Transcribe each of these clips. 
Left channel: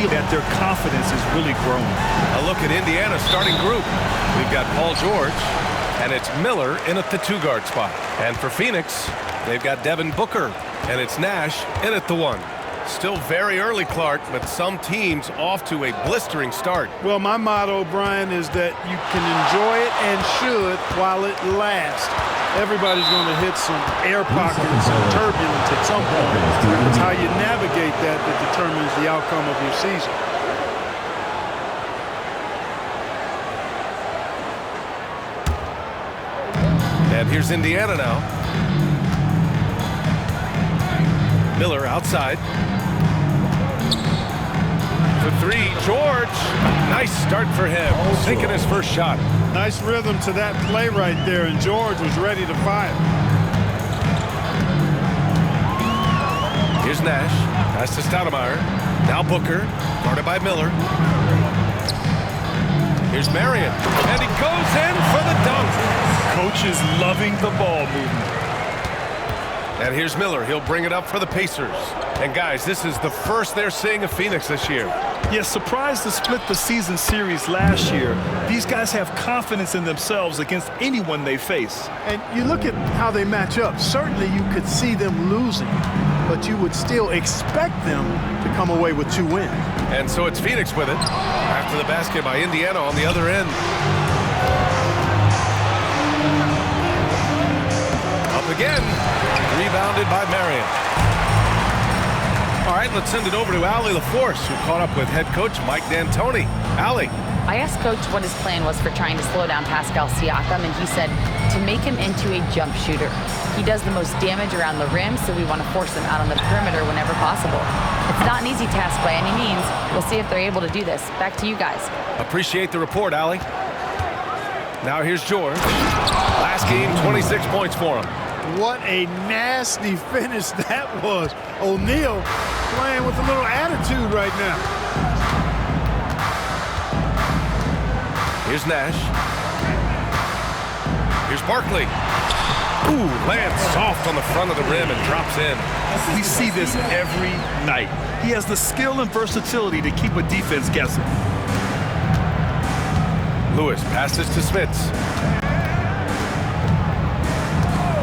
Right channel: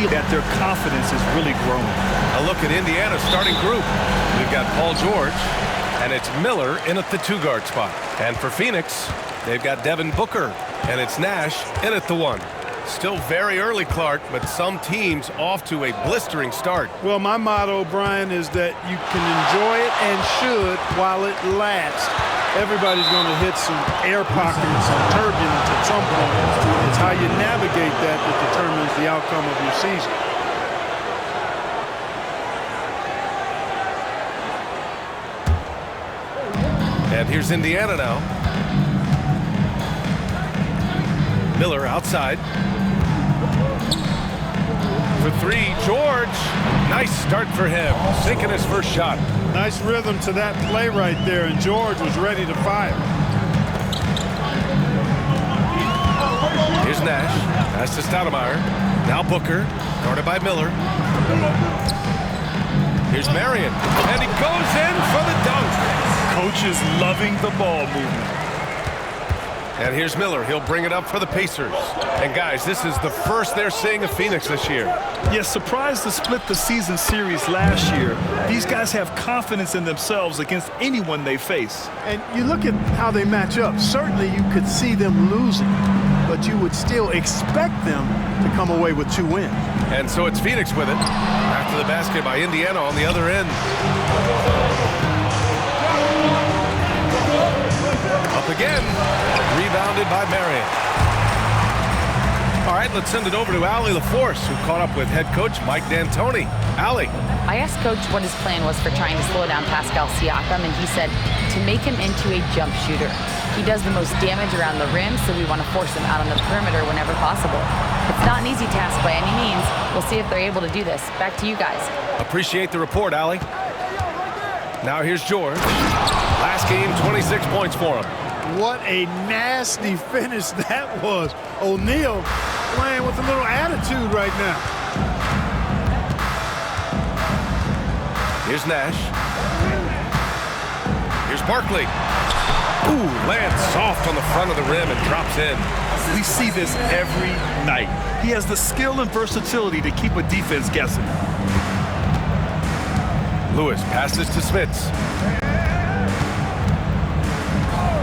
feel that their confidence is really growing. A look at Indiana's starting group. We've got Paul George, and it's Miller in at the 2-guard spot. And for Phoenix, they've got Devin Booker, and it's Nash in at the 1. Still very early, Clark, but some teams off to a blistering start. Well, my motto, Brian, is that you can enjoy it and should while it lasts. Everybody's going to hit some air pockets and turbulence at some point. It's how you navigate that determines the outcome of your season. And here's Indiana now. Miller outside. For 3, George. Nice start for him, sinking his first shot. Nice rhythm to that play right there, and George was ready to fire. Here's Nash. Pass to Stoudemire. Now Booker, guarded by Miller. Here's Marion, and he goes in for the dunk. Coach is loving the ball movement. And here's Miller. He'll bring it up for the Pacers. And guys, this is the first they're seeing of Phoenix this year. Yes, surprised to split the season series last year. These guys have confidence in themselves against anyone they face. And you look at how they match up. Certainly you could see them losing, but you would still expect them to come away with 2 wins. And so it's Phoenix with it. After the basket by Indiana on the other end. Up again. Rebounded by Marion. All right, let's send it over to Allie LaForce, who caught up with head coach Mike D'Antoni. Allie. I asked Coach what his plan was for trying to slow down Pascal Siakam, and he said to make him into a jump shooter. He does the most damage around the rim, so we want to force him out on the perimeter whenever possible. It's not an easy task by any means. We'll see if they're able to do this. Back to you guys. Appreciate the report, Allie. Now here's George. Last game, 26 points for him. What a nasty finish that was. O'Neal playing with a little attitude right now. Here's Nash. Here's Barkley. Ooh, lands soft on the front of the rim and drops in. We see this every night. He has the skill and versatility to keep a defense guessing. Lewis passes to Smits.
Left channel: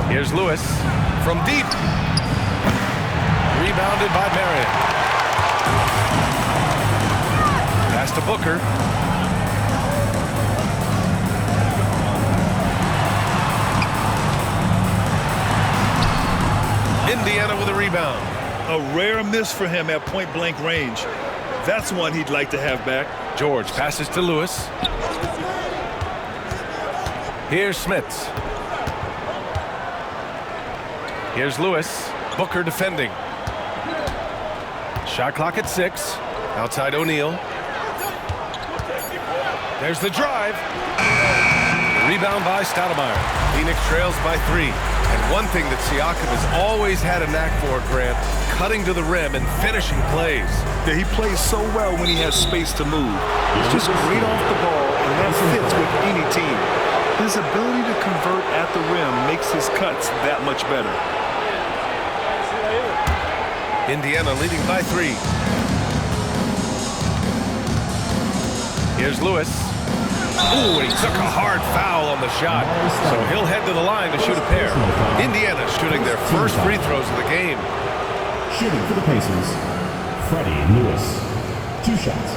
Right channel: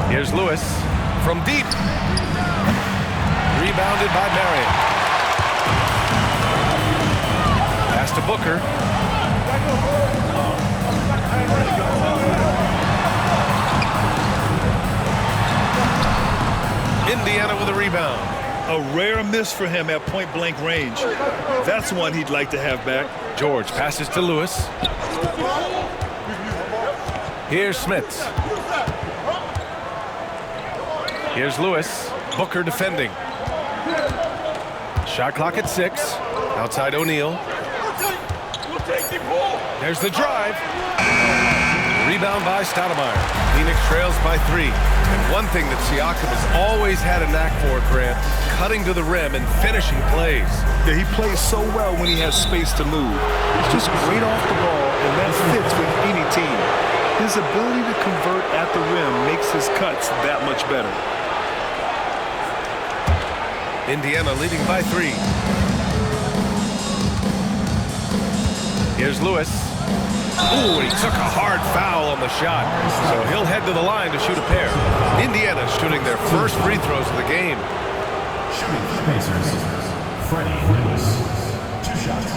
Here's Lewis from deep. Rebounded by Marion. Pass to Booker. Indiana with a rebound. A rare miss for him at point-blank range. That's one he'd like to have back. George passes to Lewis. Here's Smits. Here's Lewis. Booker defending. Shot clock at 6. Outside O'Neal. There's the drive. Rebound by Stoudemire. Phoenix trails by 3. And one thing that Siakam has always had a knack for, Grant, cutting to the rim and finishing plays. Yeah, he plays so well when he has space to move. He's just great off the ball, and that fits with any team. His ability to convert at the rim makes his cuts that much better. Indiana leading by 3. Here's Lewis. Ooh, he took a hard foul on the shot. So he'll head to the line to shoot a pair. Indiana shooting their first free throws of the game. Shooting for the Pacers, Freddie Lewis. 2 shots.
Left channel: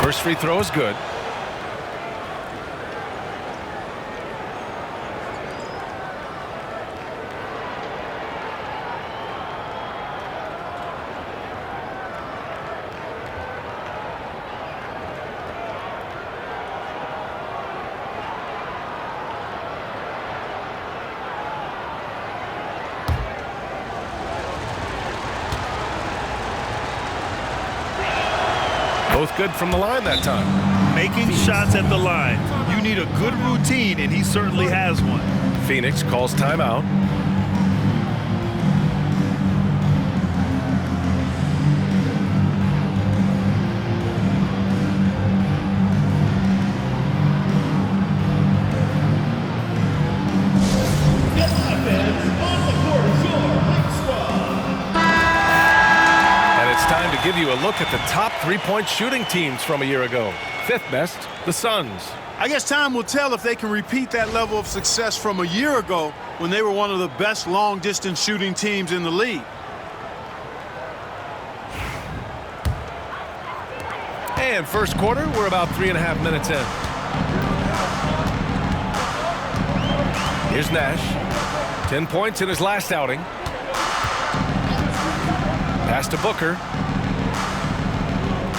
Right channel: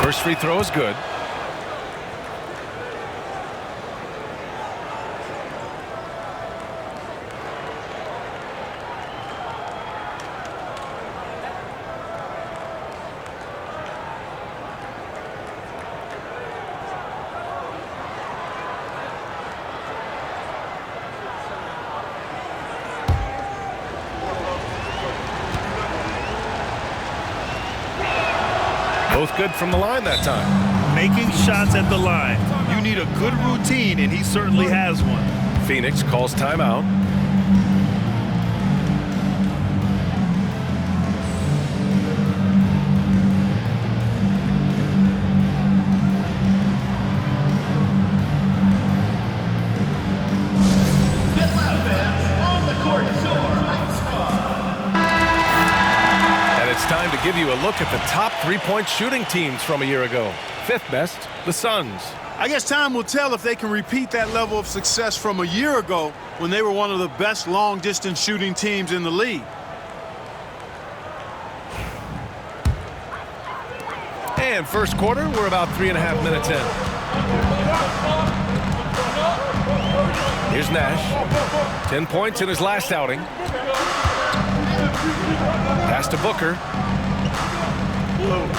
First free throw is good. Both good from the line that time. Making shots at the line. You need a good routine, and he certainly has one. Phoenix calls timeout. And it's time to give you a look at the top three-point shooting teams from a year ago. Fifth best, the Suns. I guess time will tell if they can repeat that level of success from a year ago when they were one of the best long-distance shooting teams in the league. And first quarter, we're about 3.5 minutes in. Here's Nash. 10 points in his last outing. Pass to Booker.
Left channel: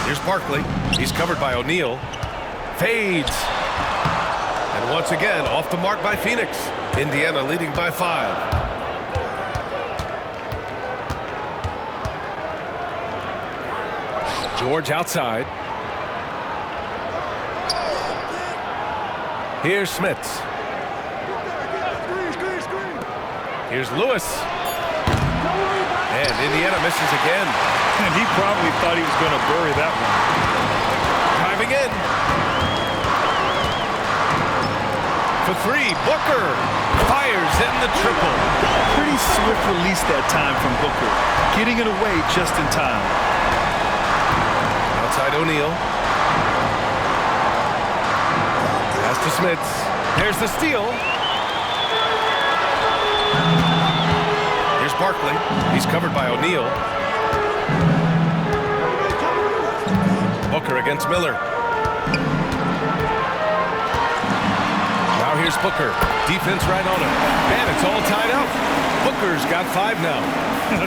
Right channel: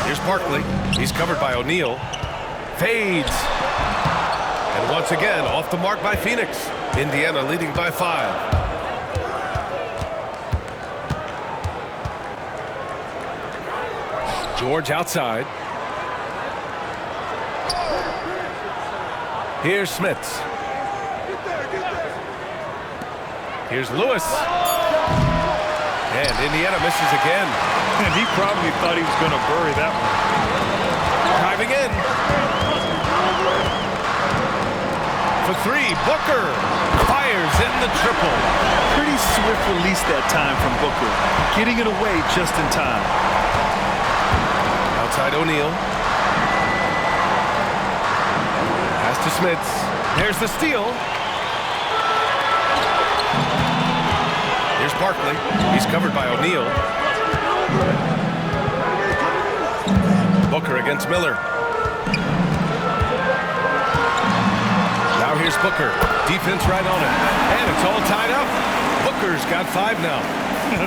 Here's Barkley. He's covered by O'Neal. Fades. And once again, off the mark by Phoenix. Indiana leading by 5. George outside. Here's Smits. Here's Lewis. And Indiana misses again. And he probably thought he was going to bury that one. Driving in. For three, Booker fires in the triple. Pretty swift release that time from Booker. Getting it away just in time. Outside O'Neal. Pass to Smits. There's the steal. Here's Barkley. He's covered by O'Neal. Booker against Miller. Now here's Booker. Defense right on it. And it's all tied up. Booker's got 5 now.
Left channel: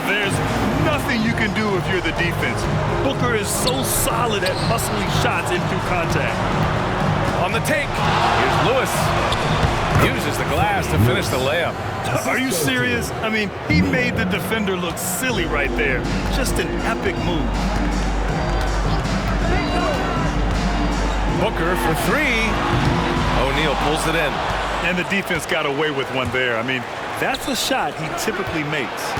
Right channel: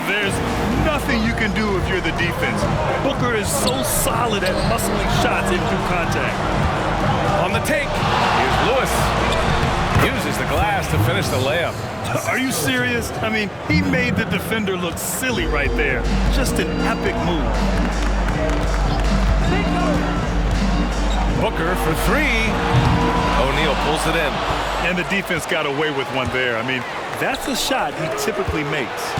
There's nothing you can do if you're the defense. Booker is so solid at muscling shots in through contact. On the take, here's Lewis. Uses the glass to finish the layup. Are you serious? I mean, he made the defender look silly right there. Just an epic move. Booker for 3. O'Neal pulls it in. And the defense got away with one there. I mean, that's a shot he typically makes.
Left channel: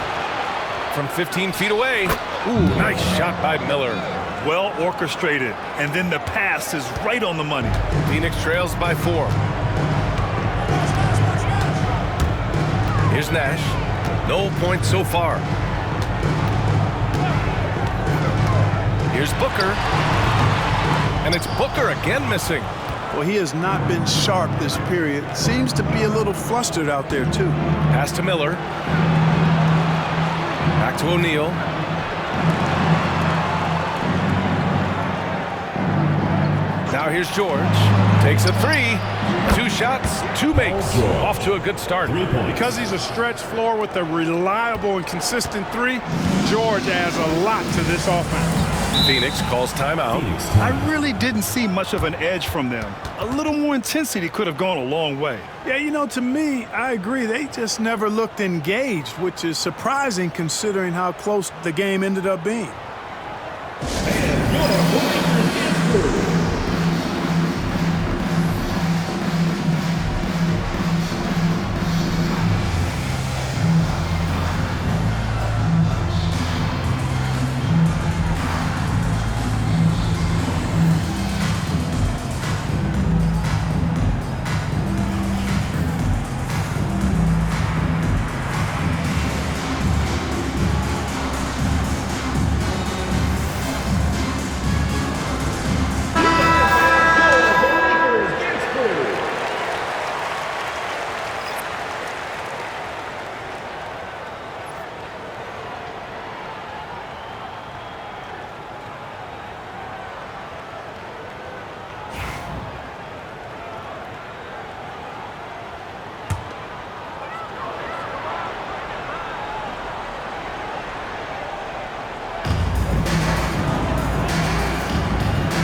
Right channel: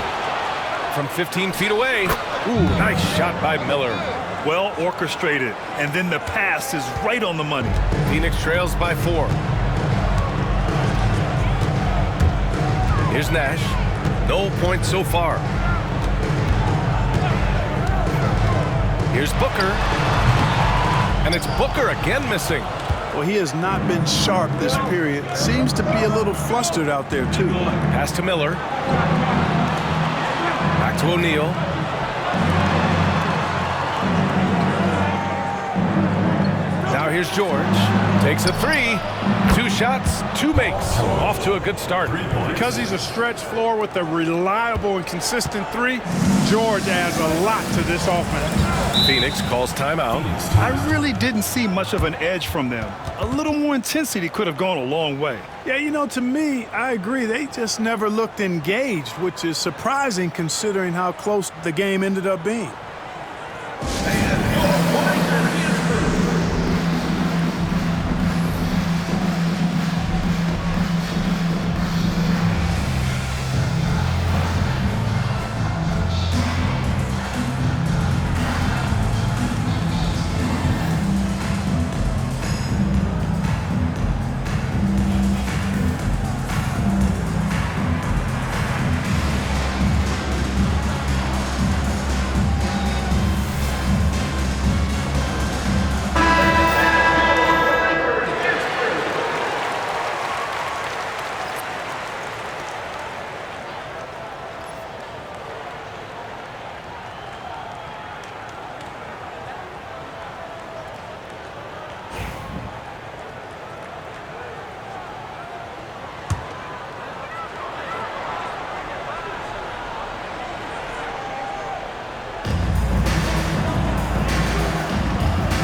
From 15 feet away. Ooh, nice shot by Miller. Well orchestrated. And then the pass is right on the money. Phoenix trails by 4. Here's Nash. No points so far. Here's Booker. And it's Booker again missing. Well, he has not been sharp this period. Seems to be a little flustered out there, too. Pass to Miller. Back to O'Neal. Now here's George. Takes a 3. 2 shots, 2 makes. Off to a good start. Because he's a stretch floor with a reliable and consistent 3, George adds a lot to this offense. Phoenix calls timeout. I really didn't see much of an edge from them. A little more intensity could have gone a long way. Yeah, you know, to me, I agree. They just never looked engaged, which is surprising considering how close the game ended up being.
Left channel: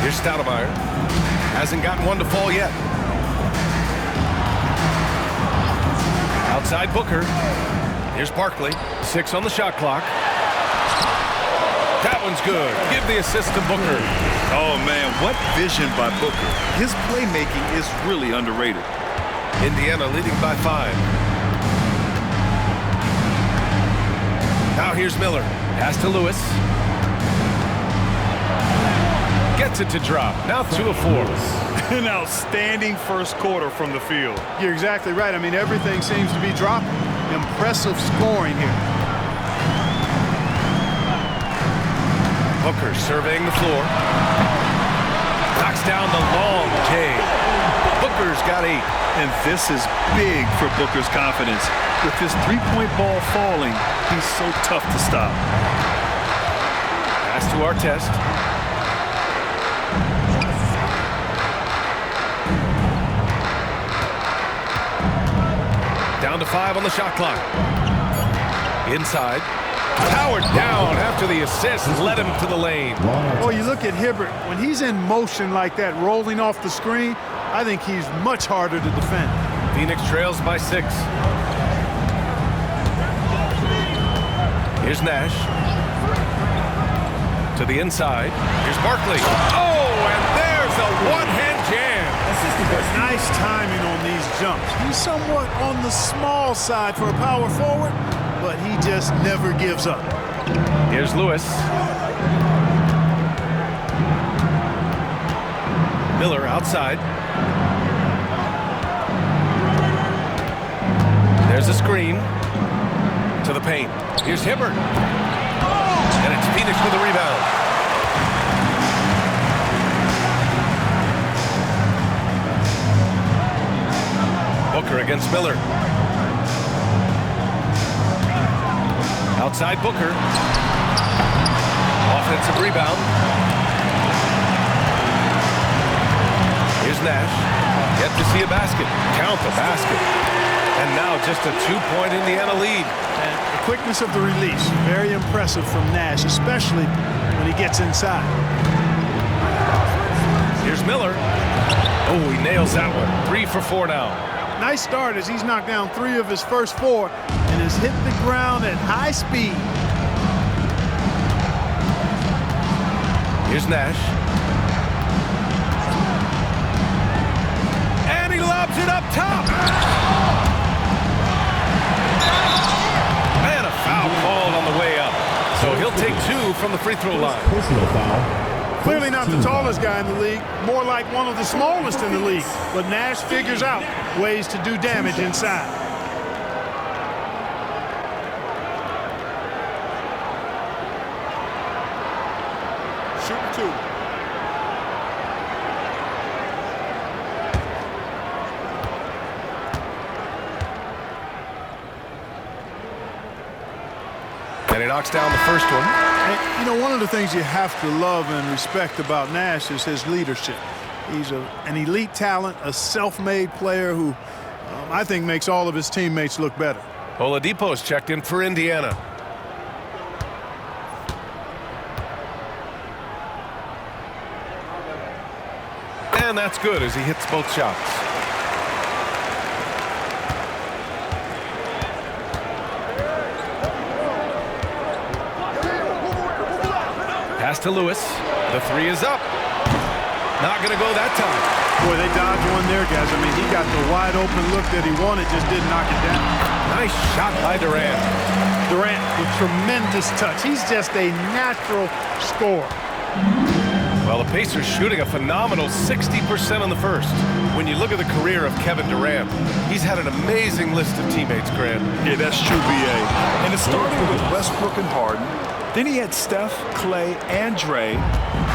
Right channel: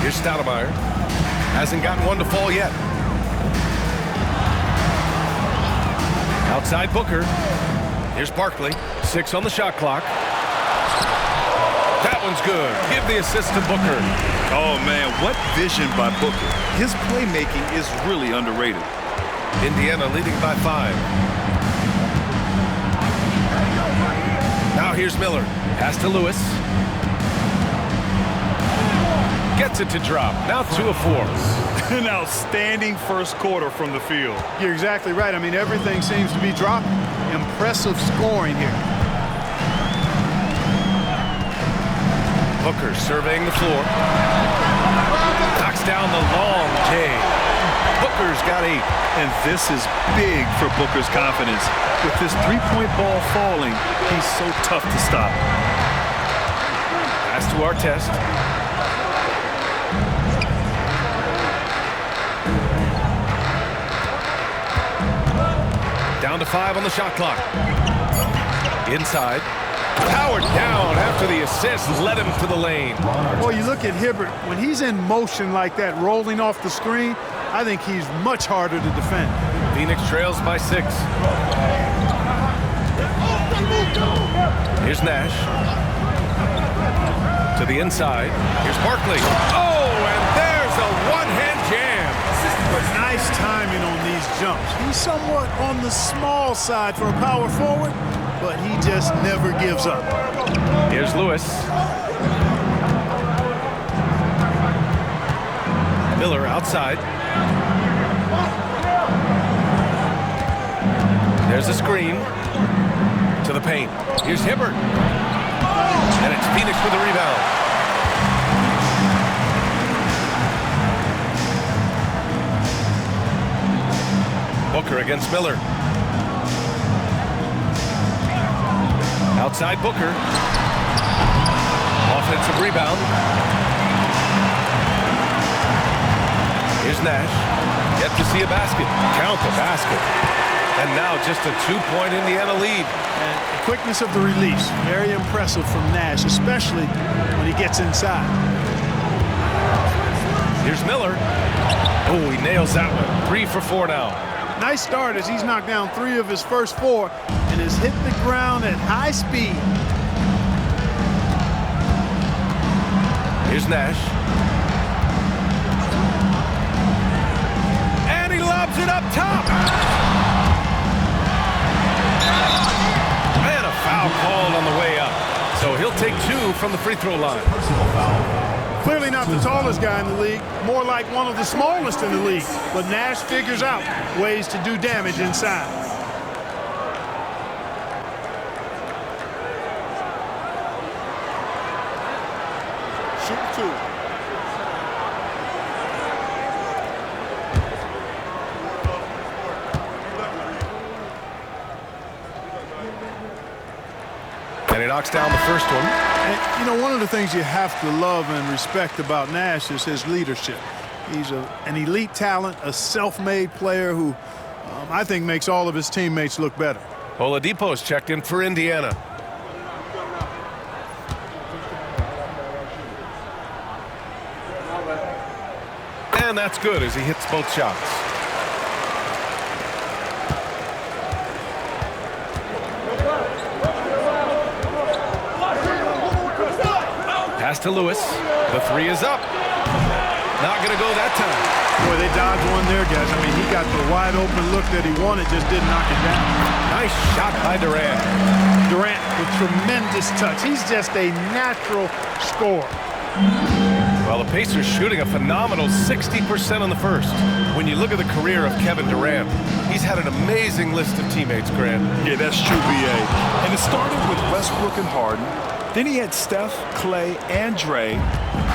Here's Stoudemire. Hasn't gotten one to fall yet. Outside Booker. Here's Barkley. 6 on the shot clock. That one's good. Give the assist to Booker. Oh, man, what vision by Booker. His playmaking is really underrated. Indiana leading by 5. Now here's Miller. Pass to Lewis. Gets it to drop. Now 2 of 4. An outstanding first quarter from the field. You're exactly right. I mean, everything seems to be dropping. Impressive scoring here. Booker surveying the floor. Knocks down the long J. Booker's got 8. And this is big for Booker's confidence. With his three-point ball falling, he's so tough to stop. Pass to Artest. Down to 5 on the shot clock. Inside. Powered down after the assist led him to the lane. Well, you look at Hibbert. When he's in motion like that, rolling off the screen, I think he's much harder to defend. Phoenix trails by 6. Here's Nash. To the inside. Here's Barkley. Oh, and there's a one-hand jam. Nice timing on these jumps. He's somewhat on the small side for a power forward, but he just never gives up. Here's Lewis. Miller outside. There's a screen to the paint. Here's Hibbert. And it's Phoenix with a rebound. Booker against Miller. Outside Booker. Offensive rebound. Here's Nash. Yet to see a basket. Count the basket. And now just a 2-point Indiana lead. And the quickness of the release, very impressive from Nash, especially when he gets inside. Here's Miller. Oh, he nails that one. 3 for 4 now. Nice start as he's knocked down 3 of his first 4 and has hit the ground at high speed. Here's Nash. And he lobs it up top. And a foul called on the way up. So he'll take 2 from the free throw line. Personal foul. Clearly not the tallest guy in the league, more like one of the smallest in the league. But Nash figures out ways to do damage inside. Shooting 2. And he knocks down the first one. And, you know, one of the things you have to love and respect about Nash is his leadership. He's an elite talent, a self-made player who I think makes all of his teammates look better. Oladipo's checked in for Indiana. And that's good as he hits both shots. Pass to Lewis. The 3 is up. Not going to go that time. Boy, they dodged one there, guys. I mean, he got the wide open look that he wanted, just didn't knock it down. Nice shot by Durant. Durant with tremendous touch. He's just a natural scorer. Well, the Pacers shooting a phenomenal 60% on the first. When you look at the career of Kevin Durant, he's had an amazing list of teammates, Grant. Yeah, that's true, B.A. And it started with Westbrook and Harden. Then he had Steph, Clay, and Dre,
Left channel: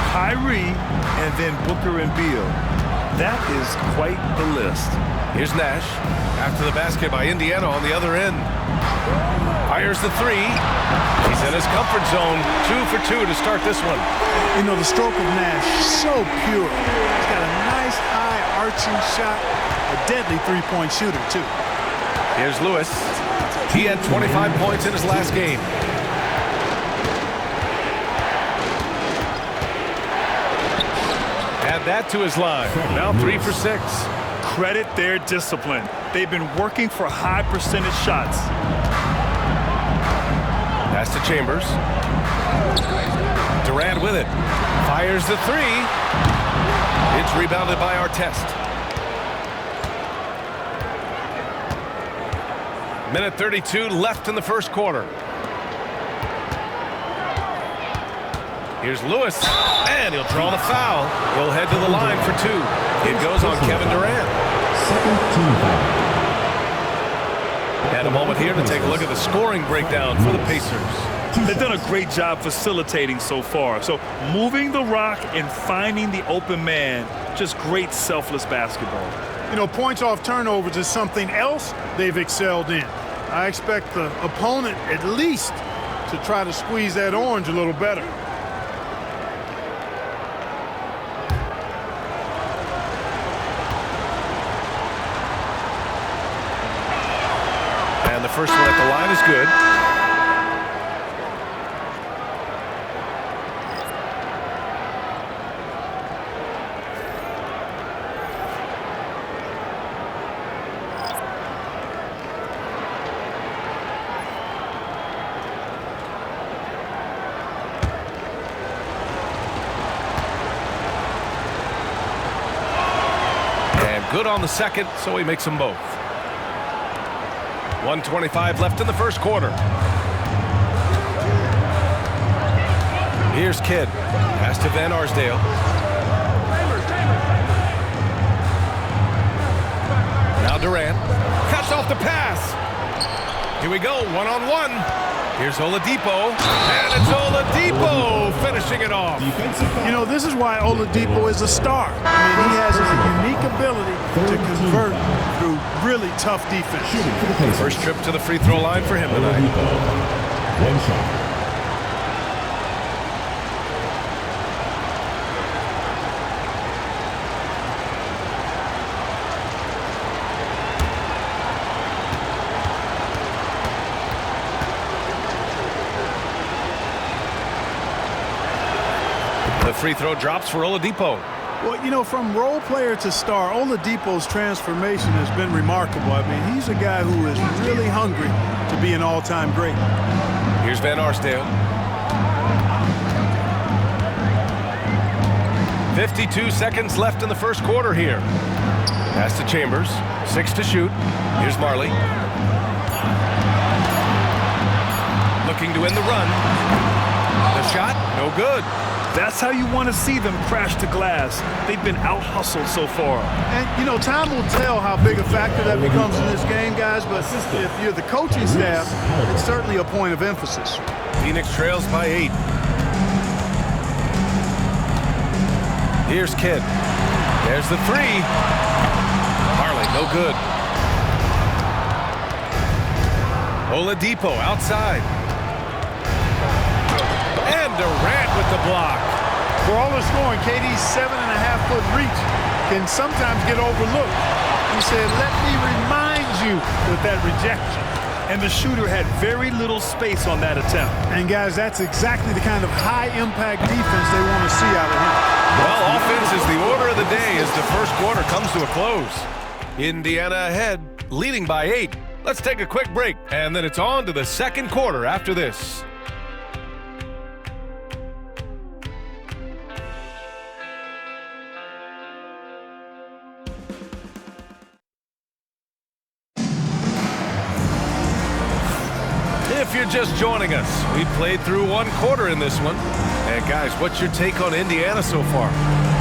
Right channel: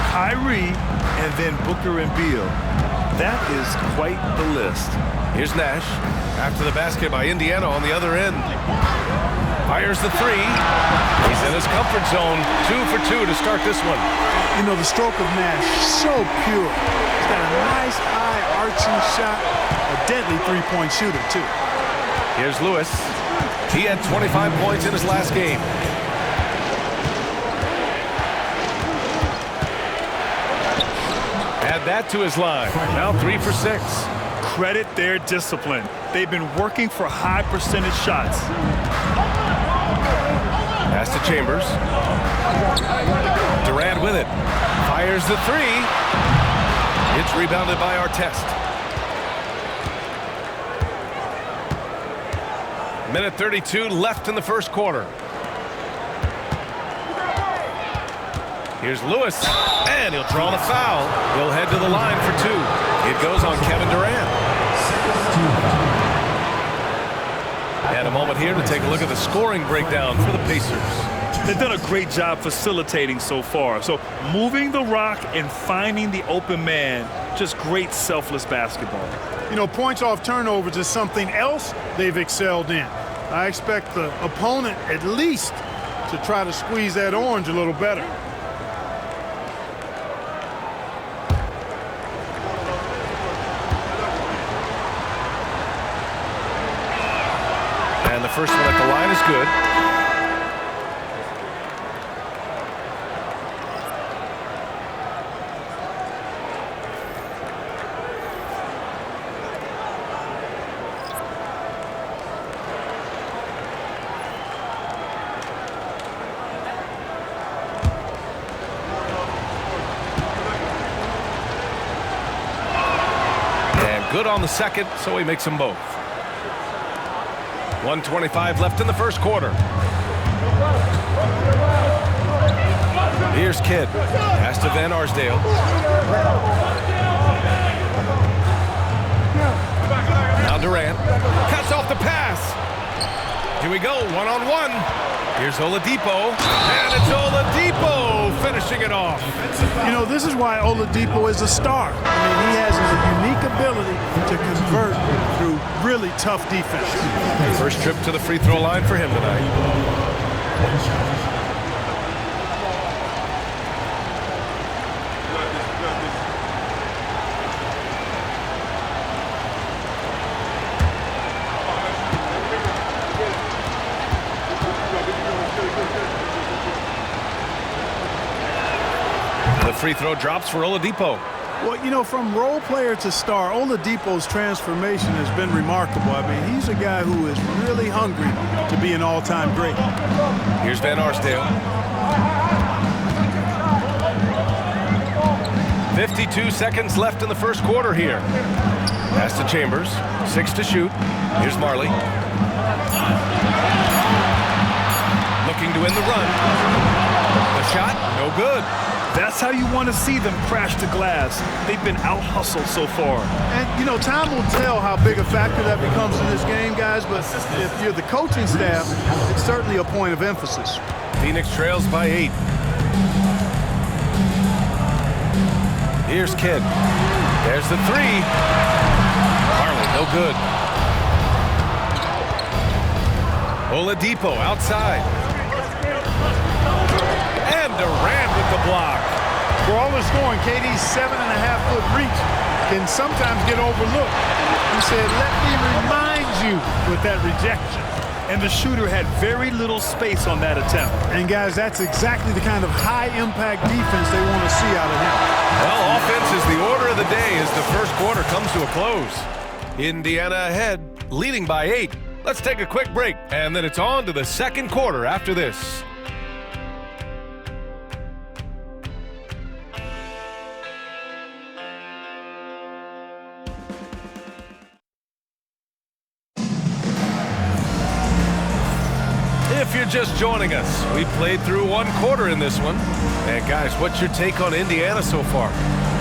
Kyrie, and then Booker and Beal. That is quite the list. Here's Nash. After the basket by Indiana on the other end. Fires the 3. He's in his comfort zone. 2 for 2 to start this one. You know, the stroke of Nash, so pure. He's got a nice high arching shot, a deadly three-point shooter, too. Here's Lewis. He had 25 points in his last game. Add that to his line. Now 3 for 6. Credit their discipline. They've been working for high percentage shots. Pass to Chambers. Durant with it. Fires the three. It's rebounded by Artest. Minute 32 left in the first quarter. Here's Lewis, and he'll draw the foul. He'll head to the line for two. It goes on Kevin Durant. And a moment here to take a look at the scoring breakdown for the Pacers. They've done a great job facilitating so far. So moving the rock and finding the open man, just great selfless basketball. You know, points off turnovers is something else they've excelled in. I expect the opponent at least to try to squeeze that orange a little better. And the first one at the line is good. And good on the second, so he makes them both. 1:25 left in the first quarter. Here's Kidd. Pass to Van Arsdale. Now Durant. Cuts off the pass. Here we go, one-on-one. Here's Oladipo. And it's Oladipo finishing it off. You know, this is why Oladipo is a star. I mean, he has a unique ability to convert through really tough defense. First trip to the free throw line for him tonight. One shot. The free throw drops for Oladipo. Well, you know, from role player to star, Oladipo's transformation has been remarkable. I mean, he's a guy who is really hungry to be an all-time great. Here's Van Arsdale. 52 seconds left in the first quarter here. Pass to Chambers. 6 to shoot. Here's Marley. Looking to win the run. The shot, no good. That's how you want to see them crash the glass. They've been out-hustled so far. And, you know, time will tell how big a factor that becomes in this game, guys, but if you're the coaching staff, it's certainly a point of emphasis. Phoenix trails by 8. Here's Kidd. There's the three. Marley, no good. Oladipo outside. And Durant with the block. For all the scoring, KD's 7.5-foot reach can sometimes get overlooked. He said, "Let me remind you," with that rejection. And the shooter had very little space on that attempt. And, guys, that's exactly the kind of high-impact defense they want to see out of him. Well, offense is the order of the day as the first quarter comes to a close. Indiana ahead, leading by 8. Let's take a quick break, and then it's on to the second quarter after this. If you're just joining us, we played through one quarter in this one. And guys, what's your take on Indiana so far?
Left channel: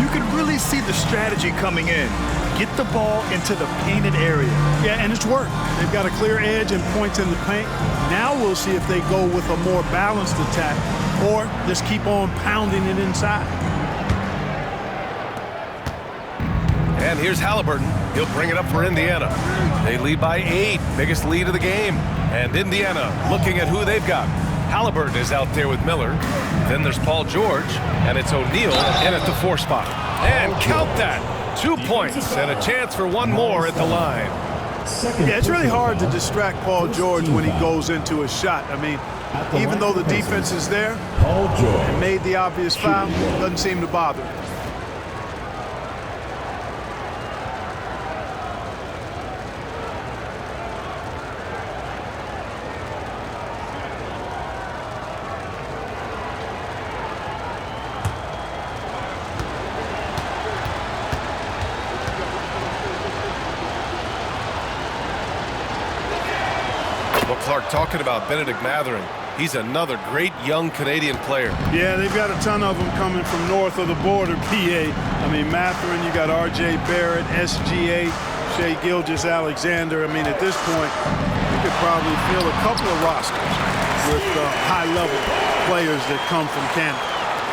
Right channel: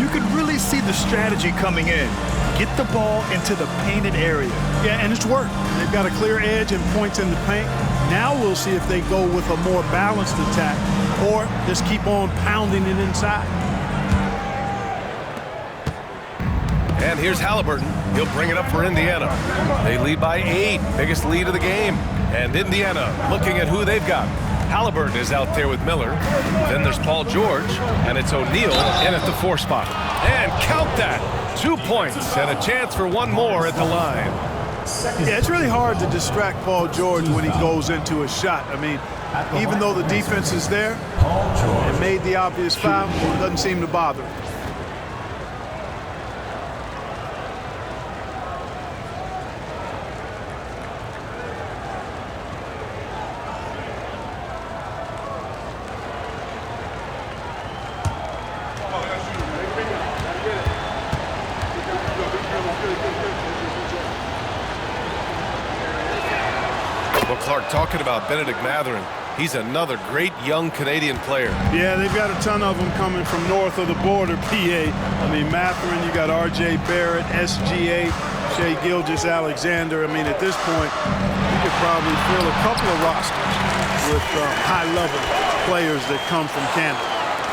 You can really see the strategy coming in. Get the ball into the painted area. Yeah, and it's worked. They've got a clear edge and points in the paint. Now we'll see if they go with a more balanced attack or just keep on pounding it inside. And here's Halliburton. He'll bring it up for Indiana. They lead by 8, biggest lead of the game. And Indiana looking at who they've got. Halliburton is out there with Miller. Then there's Paul George, and it's O'Neal in at the 4 spot. And count that, 2 points and a chance for one more at the line. Yeah, it's really hard to distract Paul George when he goes into a shot. I mean, even though the defense is there and made the obvious foul, doesn't seem to bother. Well, Clark, talking about Benedict Mathurin, he's another great young Canadian player. Yeah, they've got a ton of them coming from north of the border, PA. I mean, Mathurin, you got R.J. Barrett, SGA, Shai Gilgeous-Alexander. I mean, at this point, you could probably fill a couple of rosters with high-level players that come from Canada.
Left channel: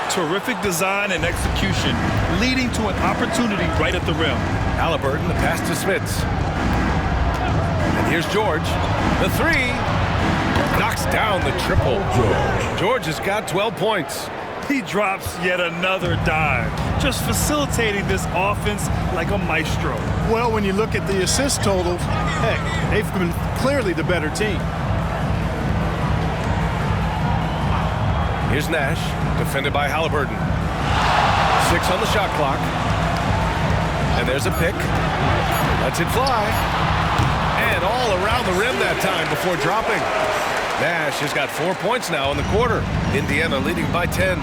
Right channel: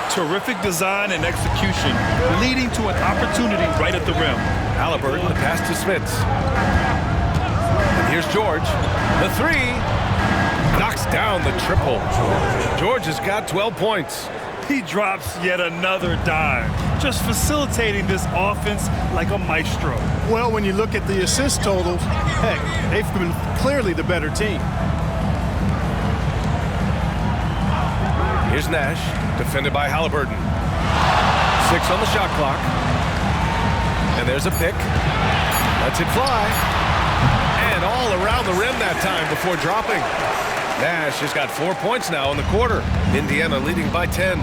Terrific design and execution, leading to an opportunity right at the rim. Halliburton, the pass to Smits. And here's George. The three. Knocks down the triple. George has got 12 points. He drops yet another dime, just facilitating this offense like a maestro. Well, when you look at the assist totals, heck, they've been clearly the better team. Here's Nash, defended by Halliburton. 6 on the shot clock. And there's a pick. Lets it fly. And all around the rim that time before dropping. Nash has got 4 points now in the quarter. Indiana leading by 10.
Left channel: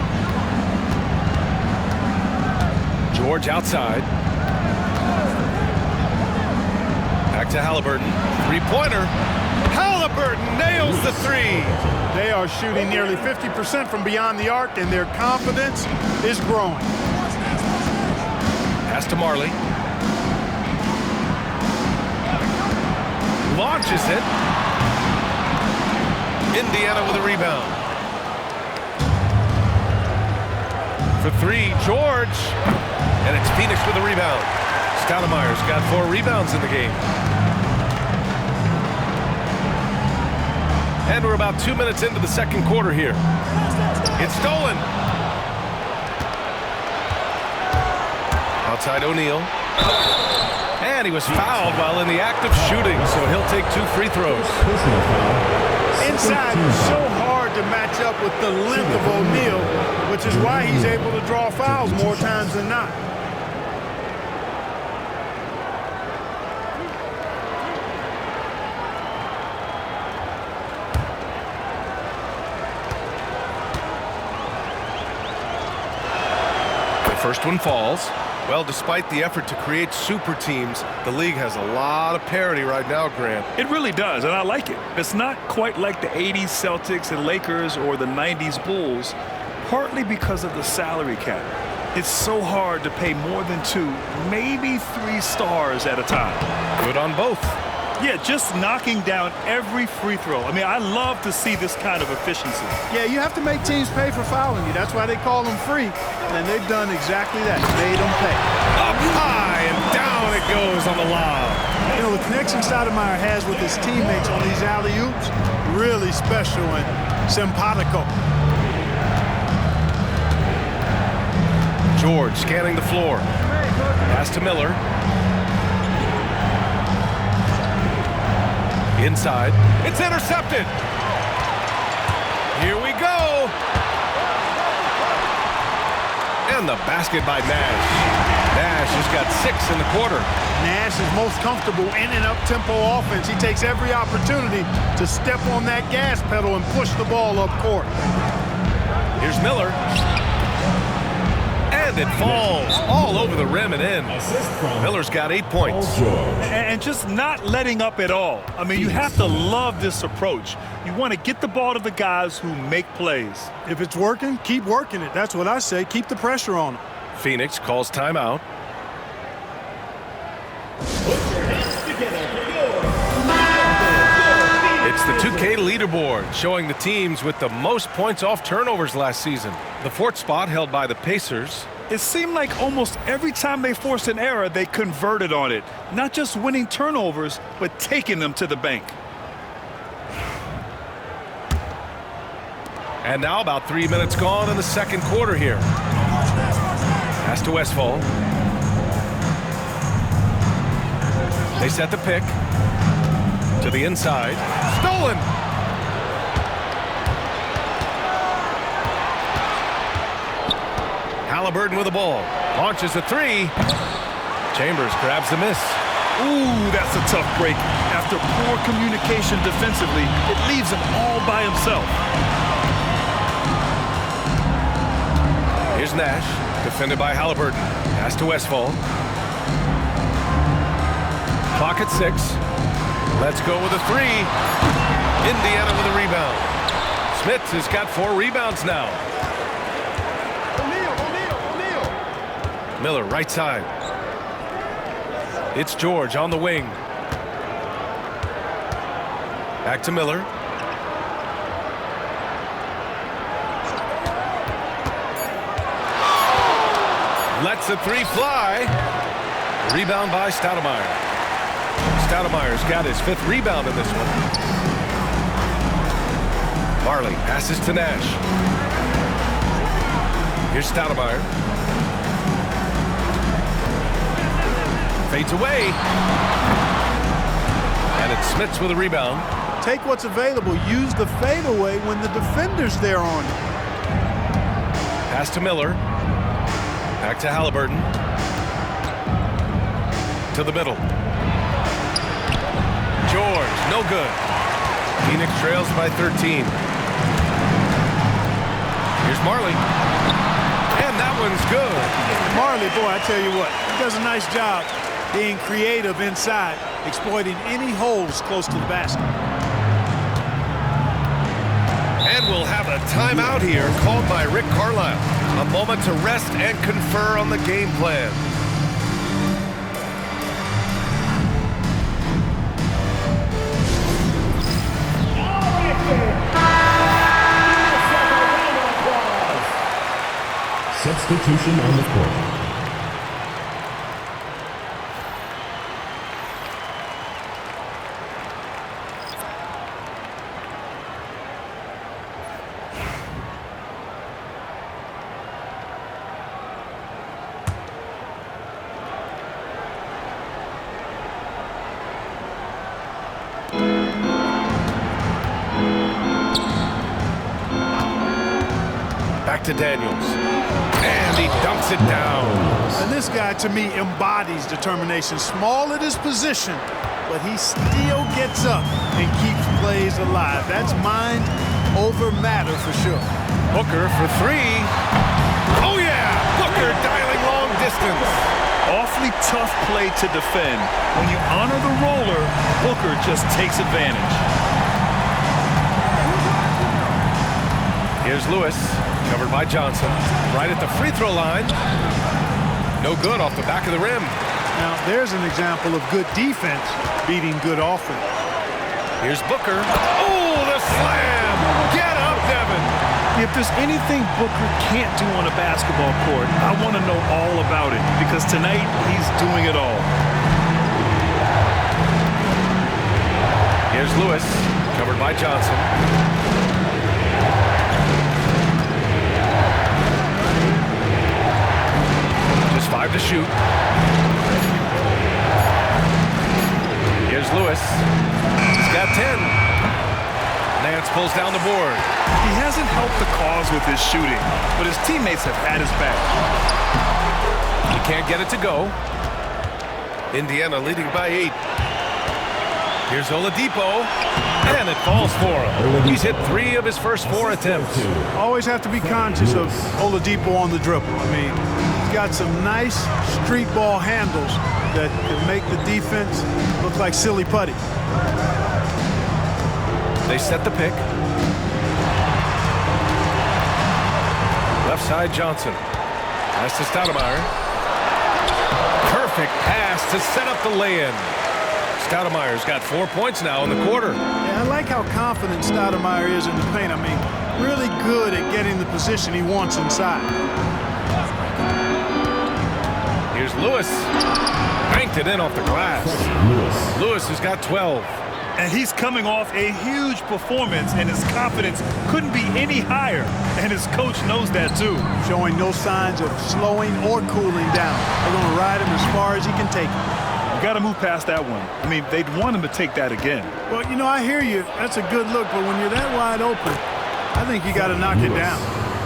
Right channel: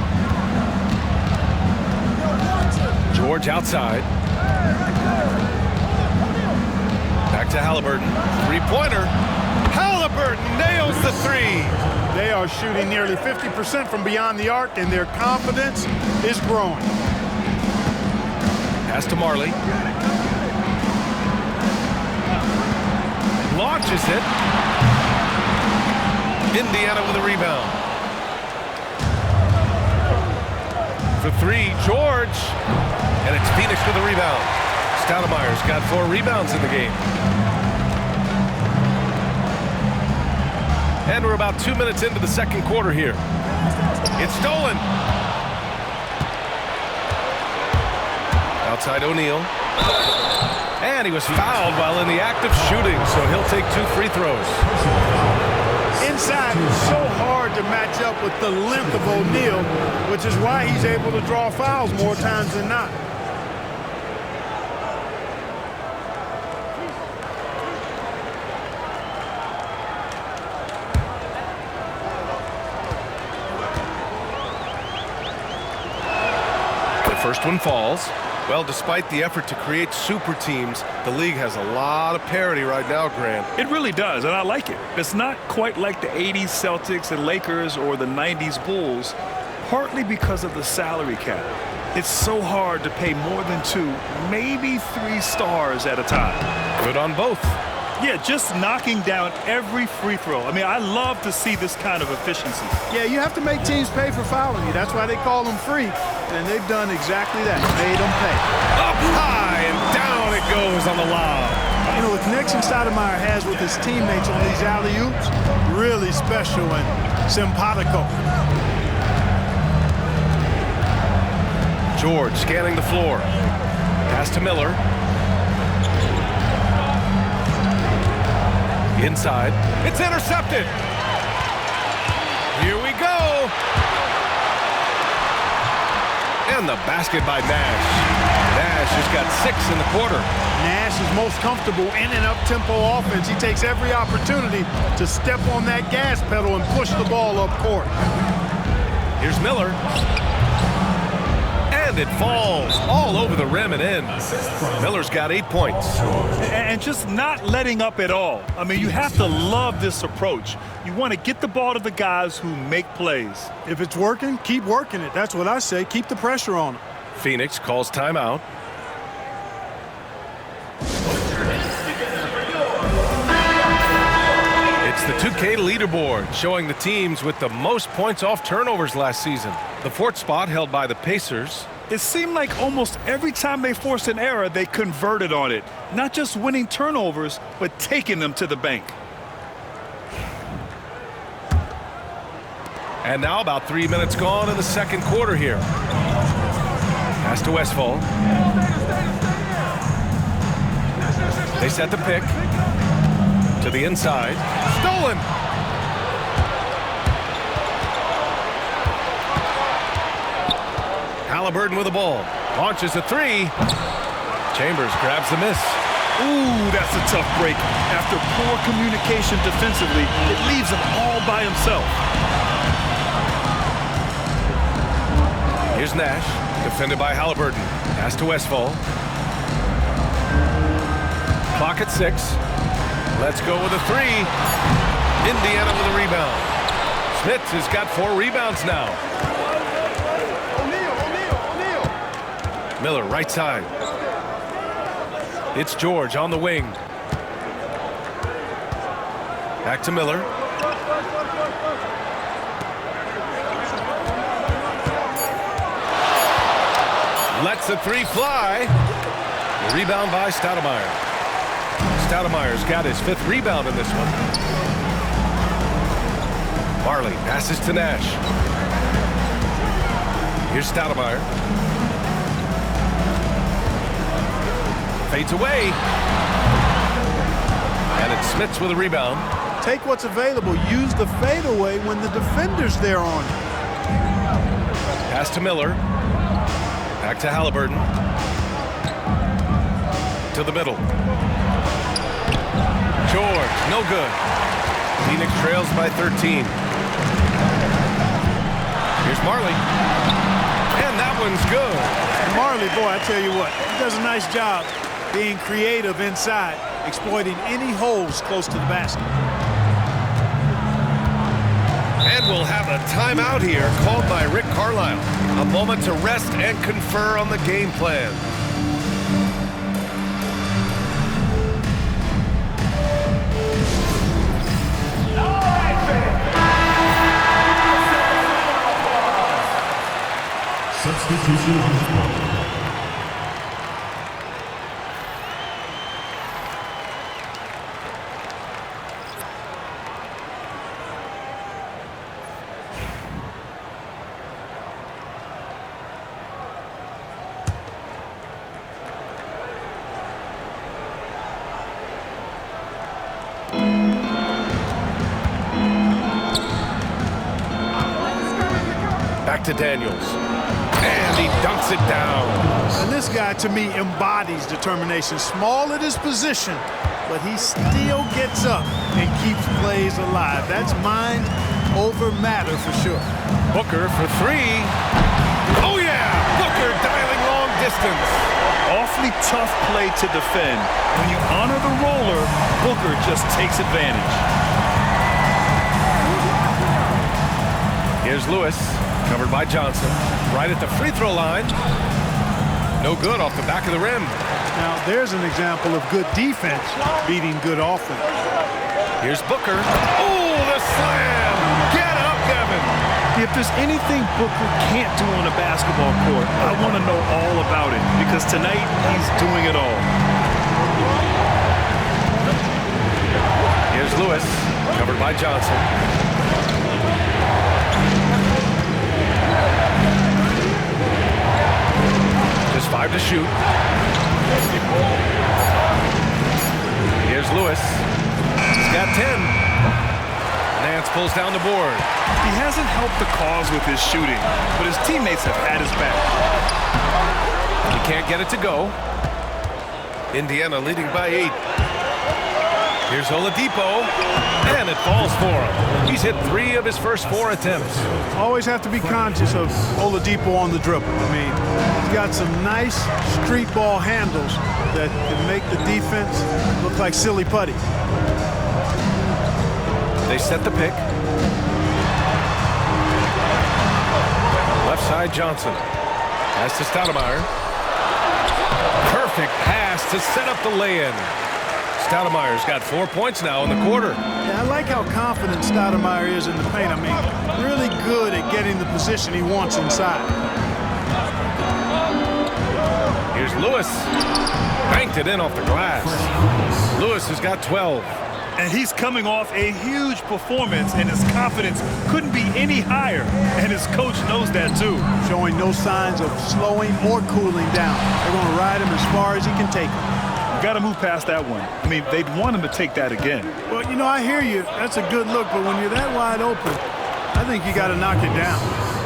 George outside. Back to Halliburton. Three-pointer. Halliburton nails the three. They are shooting nearly 50% from beyond the arc, and their confidence is growing. Pass to Marley. Launches it. Indiana with a rebound. For three, George. And it's Phoenix with a rebound. Stoudemire's got 4 rebounds in the game. And we're about 2 minutes into the second quarter here. It's stolen. Outside O'Neal. And he was fouled while in the act of shooting, so he'll take 2 free throws. Inside, it's so hard to match up with the length of O'Neal, which is why he's able to draw fouls more times than not. The first one falls. Well, despite the effort to create super teams, the league has a lot of parity right now, Grant. It really does, and I like it. It's not quite like the 80s Celtics and Lakers or the 90s Bulls, partly because of the salary cap. It's so hard to pay more than 2, maybe 3 stars at a time. Good on both. Yeah, just knocking down every free throw. I mean, I love to see this kind of efficiency. Yeah, you have to make teams pay for fouling you. That's why they call them free. And they've done exactly that. Made them pay. Up high and down it goes on the lob. You know, the connection Stoudemire has with his teammates on these alley-oops, really special and simpatico. George scanning the floor. Pass to Miller. Inside. It's intercepted. Here we go. And the basket by Nash. Nash has got 6 in the quarter. Nash is most comfortable in an up-tempo offense. He takes every opportunity to step on that gas pedal and push the ball up court. Here's Miller. And it falls all over the rim and in. Miller's got 8 points. And just not letting up at all. I mean, you have to love this approach. You want to get the ball to the guys who make plays. If it's working, keep working it. That's what I say. Keep the pressure on them. Phoenix calls timeout. It's the 2K leaderboard showing the teams with the most points off turnovers last season. The 4th spot held by the Pacers. It seemed like almost every time they forced an error, they converted on it. Not just winning turnovers, but taking them to the bank. And now about 3 minutes gone in the second quarter here. Pass to Westphal. They set the pick. To the inside. Stolen! Halliburton with the ball. Launches a 3. Chambers grabs the miss. Ooh, that's a tough break. After poor communication defensively, it leaves him all by himself. Here's Nash, defended by Halliburton. Pass to Westphal. Clock at 6. Let's go with a 3. Indiana with a rebound. Smith has got 4 rebounds now. O'Neal. Miller, right side. It's George on the wing. Back to Miller. Lets the 3 fly. Rebound by Stoudemire. Stoudemire's got his 5th rebound in this one. Marley passes to Nash. Here's Stoudemire. Fades away. And it's Smits with a rebound. Take what's available. Use the fadeaway when the defender's there on you. Pass to Miller. Back to Halliburton. To the middle. George, no good. Phoenix trails by 13. Here's Marley. And that one's good. And Marley, boy, I tell you what, he does a nice job being creative inside, exploiting any holes close to the basket. And we'll have a timeout here called by Rick Carlisle. A moment to rest and confer on the game plan. Substitution on the court. Back to Daniels. And he dunks it down. And this guy, to me, embodies determination. Small at his position, but he still gets up and keeps plays alive. That's mind over matter for sure. Booker for 3. Oh, yeah! Booker dialing long distance. Awfully tough play to defend. When you honor the roller, Booker just takes advantage. Here's Lewis, covered by Johnson, right at the free throw line. No good off the back of the rim. Now, there's an example of good defense beating good offense. Here's Booker. Oh, the slam! Get up, Devin! If there's anything Booker can't do on a basketball court, I want to know all about it, because tonight he's doing it all. Here's Lewis, covered by Johnson. Just 5 to shoot. Here's Lewis. He's got 10. Nance pulls down the board. He hasn't helped the cause with his shooting, but his teammates have had his back. He can't get it to go. Indiana leading by 8. Here's Oladipo, and it falls for him. He's hit 3 of his first 4 attempts. Always have to be conscious of Oladipo on the dribble. I mean, he's got some nice street ball handles that can make the defense look like silly putty. They set the pick. Left side, Johnson. Pass to Stoudemire. Perfect pass to set up the lay-in. Stoudemire's got 4 points now in the quarter. Yeah, I like how confident Stoudemire is in the paint. I mean, really good at getting the position he wants inside. Here's Lewis. Banked it in off the glass. Lewis has got 12. And he's coming off a huge performance, and his confidence couldn't be any higher. And his coach knows that, too. Showing no signs of slowing or cooling down. They're going to ride him as far as he can take him. You got to move past that one. I mean, they'd want him to take that again. Well, you know, I hear you. That's a good look, but when you're that wide open, I think you got to knock it down.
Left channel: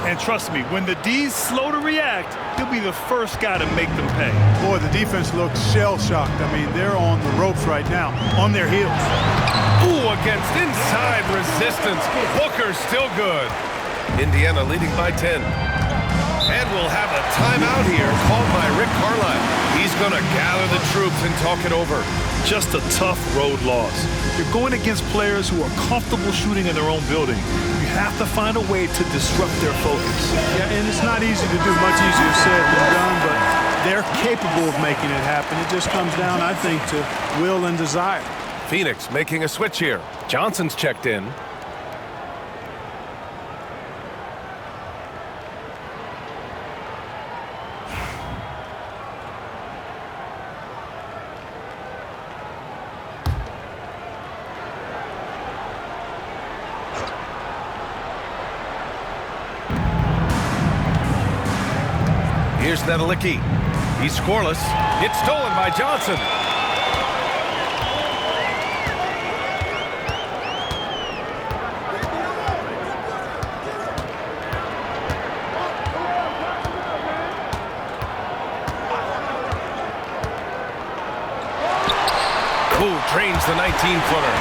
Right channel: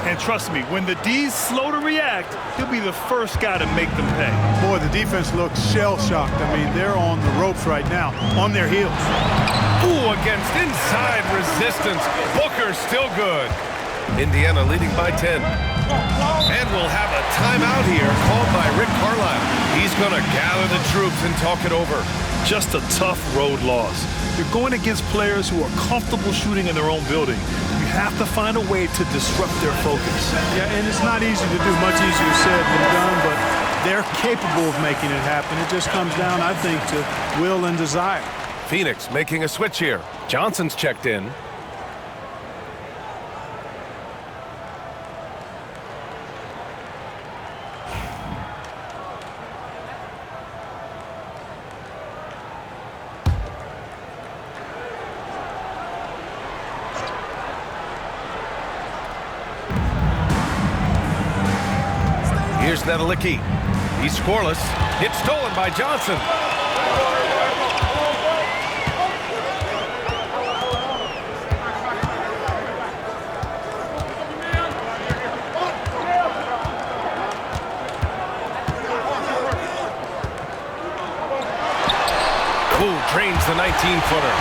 And trust me, when the D's slow to react, he'll be the first guy to make them pay. Boy, the defense looks shell-shocked. I mean, they're on the ropes right now, on their heels. Ooh, against inside resistance. Booker's still good. Indiana leading by 10. And we'll have a timeout here called by Rick Carlisle. He's going to gather the troops and talk it over. Just a tough road loss. You're going against players who are comfortable shooting in their own building. You have to find a way to disrupt their focus. Yeah, and it's not easy to do, much easier said than done, but they're capable of making it happen. It just comes down, I think, to will and desire. Phoenix making a switch here. Johnson's checked in. Here's Nedelicki. He's scoreless. It's stolen by Johnson. Ooh, drains the 19-footer.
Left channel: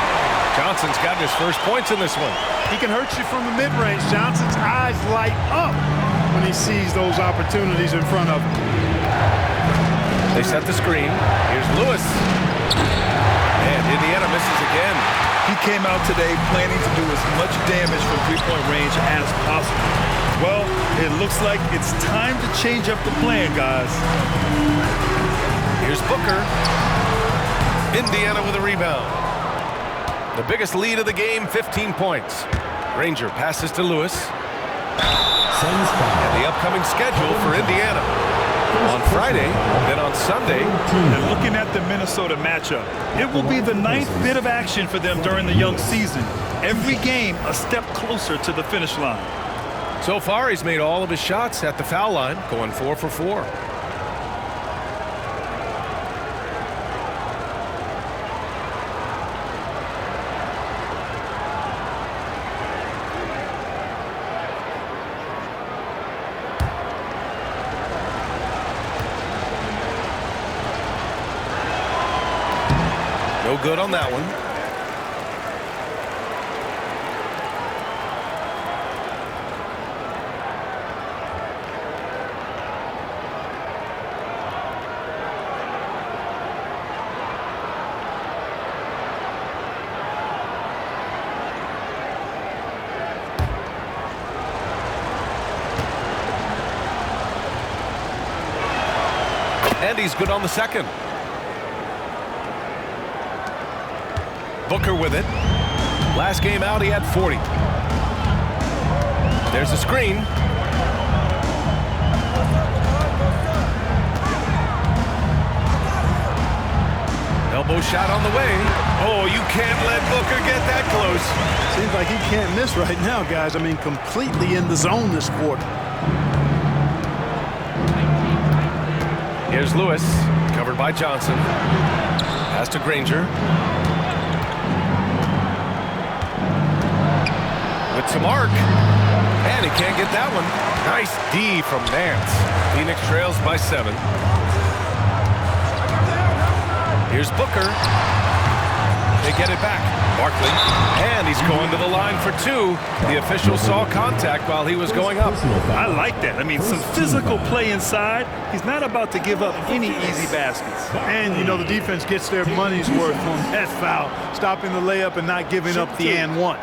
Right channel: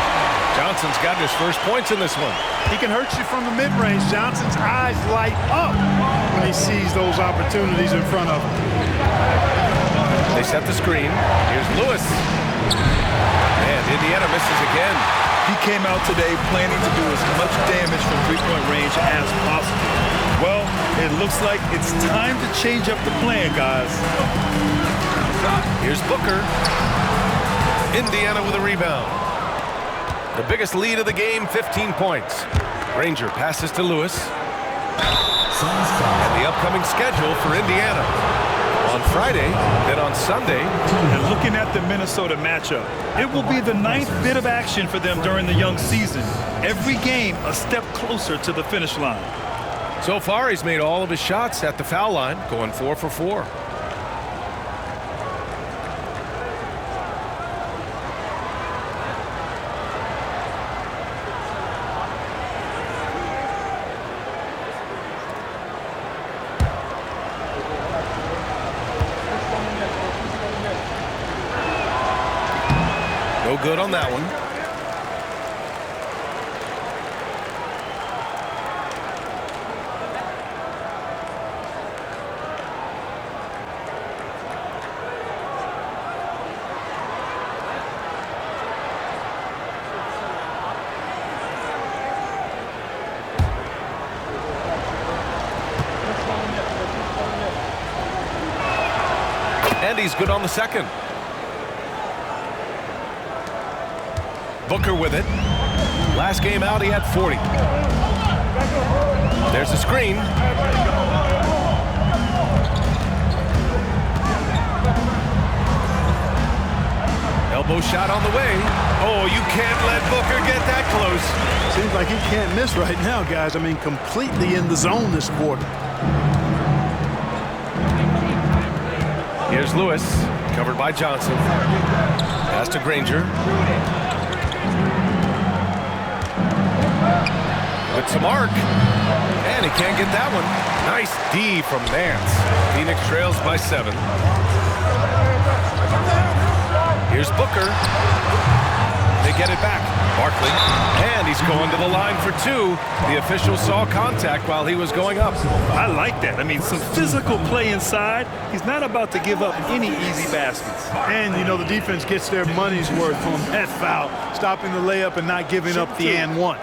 Johnson's gotten his first points in this one. He can hurt you from the mid-range. Johnson's eyes light up when he sees those opportunities in front of him. They set the screen. Here's Lewis. And Indiana misses again. He came out today planning to do as much damage from three-point range as possible. Well, it looks like it's time to change up the plan, guys. Here's Booker. Indiana with a rebound. The biggest lead of the game, 15 points. Granger passes to Lewis. And the upcoming schedule for Indiana. On Friday, then on Sunday. And looking at the Minnesota matchup, it will be the 9th bit of action for them during the young season. Every game a step closer to the finish line. So far, he's made all of his shots at the foul line, going 4 for 4. No good on that one. And he's good on the second. Booker with it. Last game out, he had 40. There's a screen. Elbow shot on the way. Oh, you can't let Booker get that close. Seems like he can't miss right now, guys. I mean, completely in the zone this quarter. Here's Lewis, covered by Johnson. Pass to Granger. With some arc. And he can't get that one. Nice D from Nance. Phoenix trails by 7. Here's Booker. They get it back. Barkley. And he's going to the line for 2. The official saw contact while he was going up. I like that. I mean, some physical play inside. He's not about to give up any easy baskets. And, you know, the defense gets their money's worth on that foul, stopping the layup and not giving up the and one.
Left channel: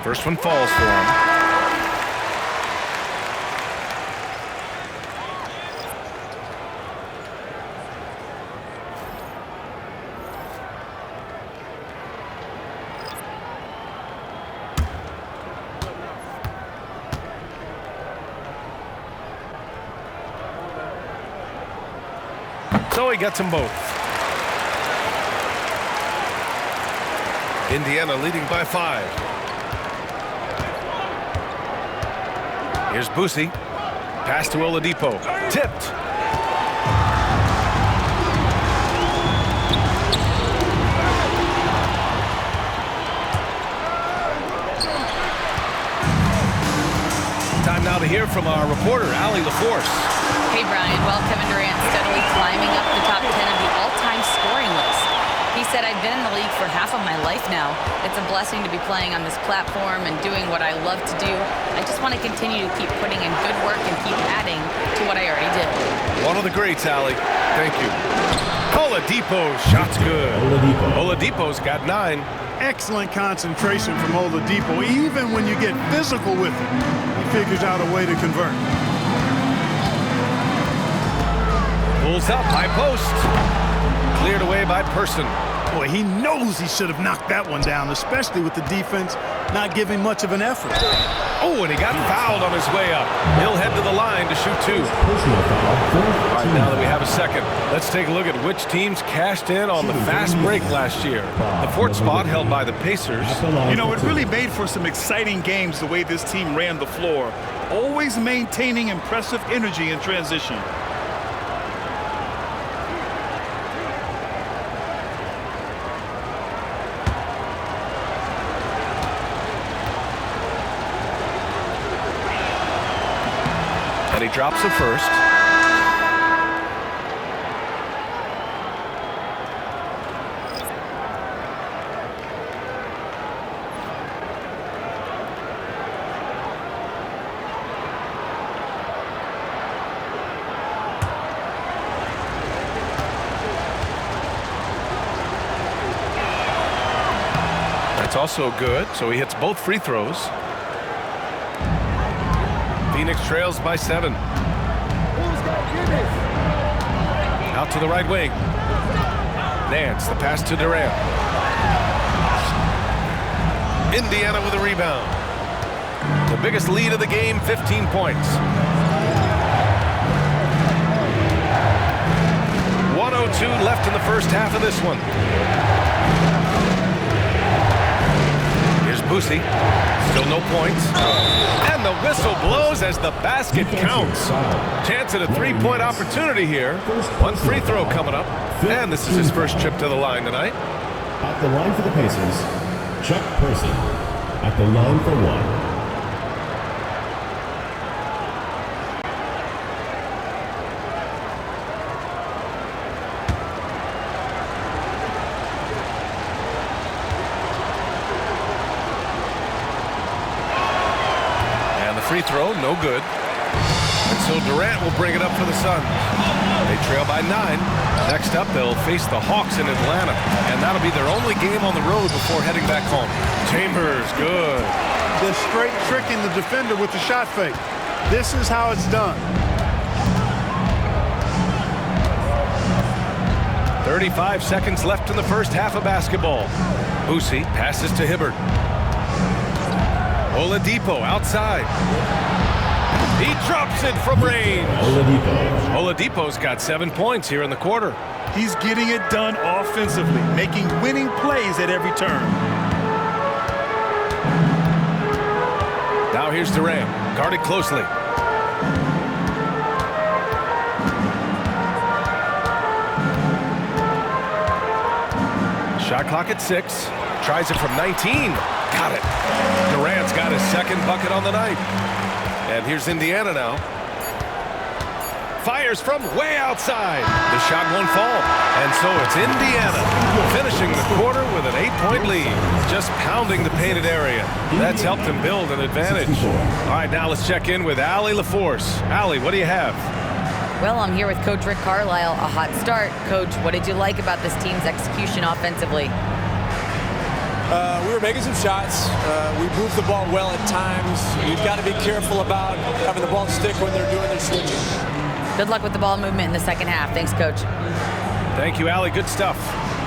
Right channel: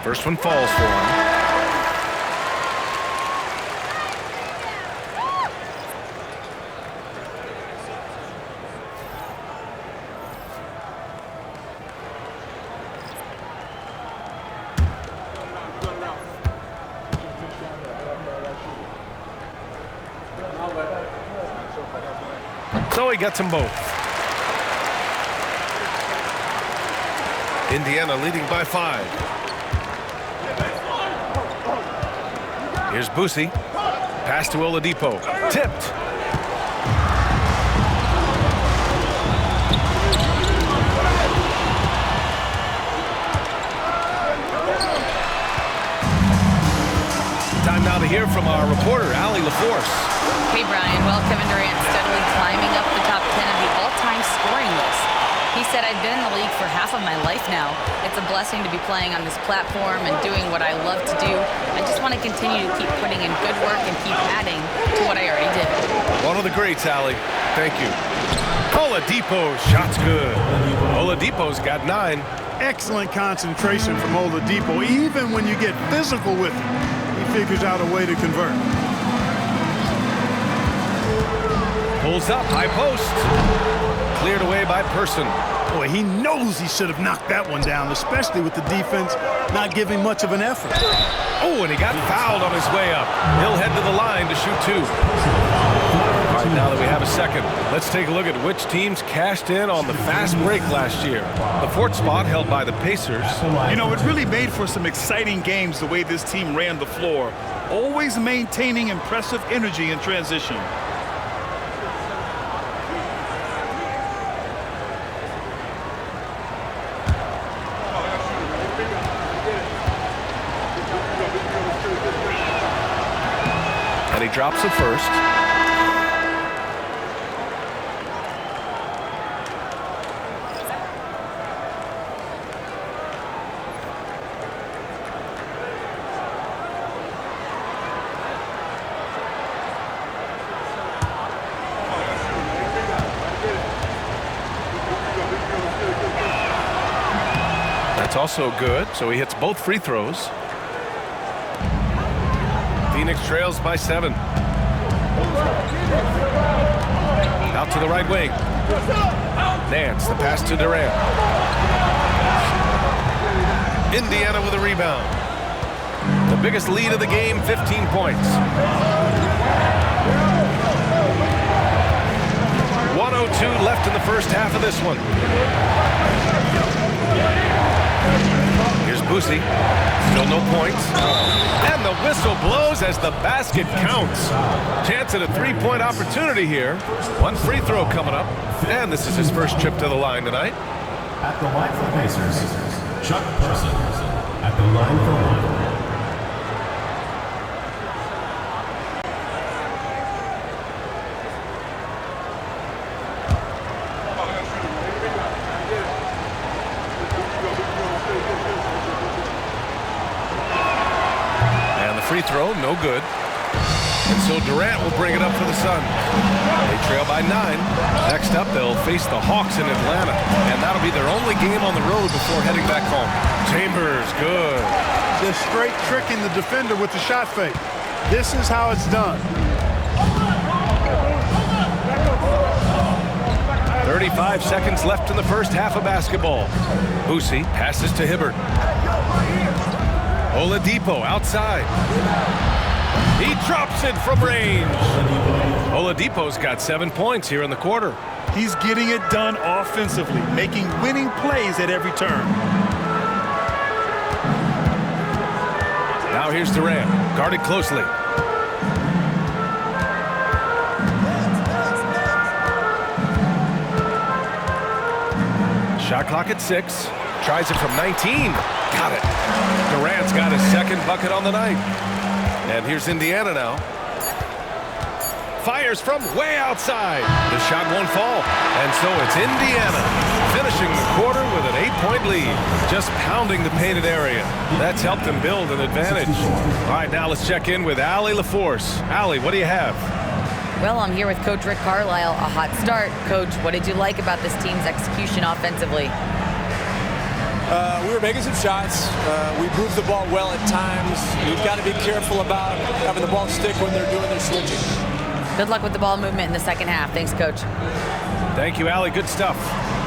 First one falls for him. So he gets them both. Indiana leading by 5. Here's Boosie. Pass to Oladipo. Tipped. Time now to hear from our reporter, Allie LaForce. Hey, Brian. Well, Kevin Durant steadily climbing up the top 10 of the all-time scoring list. He said, "I've been in the league for half of my life now. It's a blessing to be playing on this platform and doing what I love to do. I just want to continue to keep putting in good work and keep adding to what I already did." One of the greats, Allie. Thank you. Oladipo, shot's good. Oladipo's got 9. Excellent concentration from Oladipo. Even when you get physical with him, he figures out a way to convert. Pulls up, high post. Cleared away by Person. Boy, he knows he should have knocked that one down, especially with the defense not giving much of an effort. Oh, and he got fouled on his way up. He'll head to the line to shoot 2. All right, now that we have a second, let's take a look at which teams cashed in on the fast break last year. The 4th spot held by the Pacers. You know, it really made for some exciting games the way this team ran the floor, always maintaining impressive energy in transition. And he drops the first. That's also good, so he hits both free throws. Phoenix trails by 7. Out to the right wing. Nance, the pass to Durant. Indiana with a rebound. The biggest lead of the game, 15 points. 1:02 left in the first half of this one. Here's Boosie. Still no points. And the whistle blows as the basket counts. Chance at a 3-point opportunity here. One free throw coming up. And this is his first trip to the line tonight. At the line for the Pacers, Chuck Person. At the line for 1. Free throw, no good. And so Durant will bring it up for the Suns. They trail by 9. Next up, they'll face the Hawks in Atlanta. And that'll be their only game on the road before heading back home. Chambers, good. Just straight tricking the defender with the shot fake. This is how it's done. 35 seconds left in the first half of basketball. Boosie passes to Hibbert. Oladipo outside. He drops it from range. Oladipo's got 7 points here in the quarter. He's getting it done offensively, making winning plays at every turn. Now here's Durant, guarded closely. Shot clock at 6. Tries it from 19. Got it. Durant's got his second bucket on the night. And here's Indiana now. Fires from way outside. The shot won't fall. And so it's Indiana finishing the quarter with an 8-point lead. Just pounding the painted area. That's helped them build an advantage. All right, now let's check in with Allie LaForce. Allie, what do you have? Well, I'm here with Coach Rick Carlisle. A hot start. Coach, what did you like about this team's execution offensively? We were making some shots. We moved the ball well at times. You've got to be careful about having the ball stick when they're doing their switching. Good luck with the ball movement in the second half. Thanks, Coach. Thank you, Allie. Good stuff.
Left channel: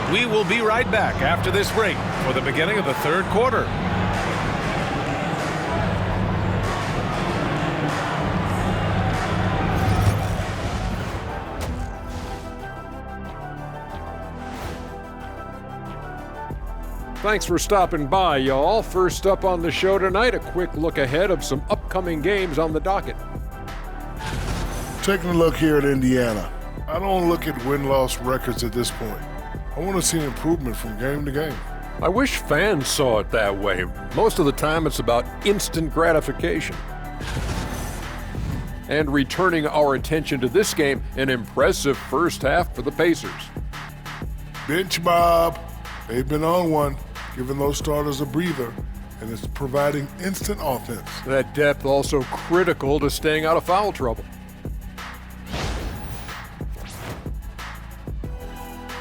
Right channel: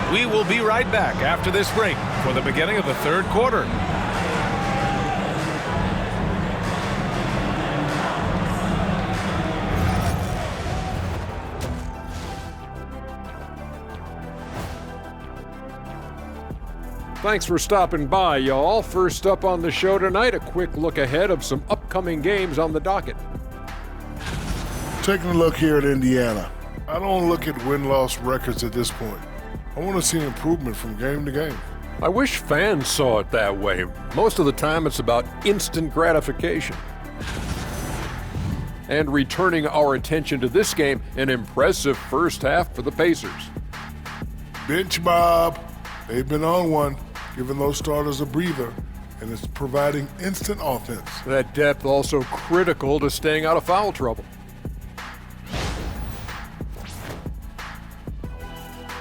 We will be right back after this break for the beginning of the third quarter. Thanks for stopping by, y'all. First up on the show tonight, a quick look ahead of some upcoming games on the docket. Taking a look here at Indiana, I don't look at win-loss records at this point. I want to see improvement from game to game. I wish fans saw it that way. Most of the time, it's about instant gratification. And returning our attention to this game, an impressive first half for the Pacers. Bench Bob. They've been on one, giving those starters a breather, and it's providing instant offense. That depth also critical to staying out of foul trouble.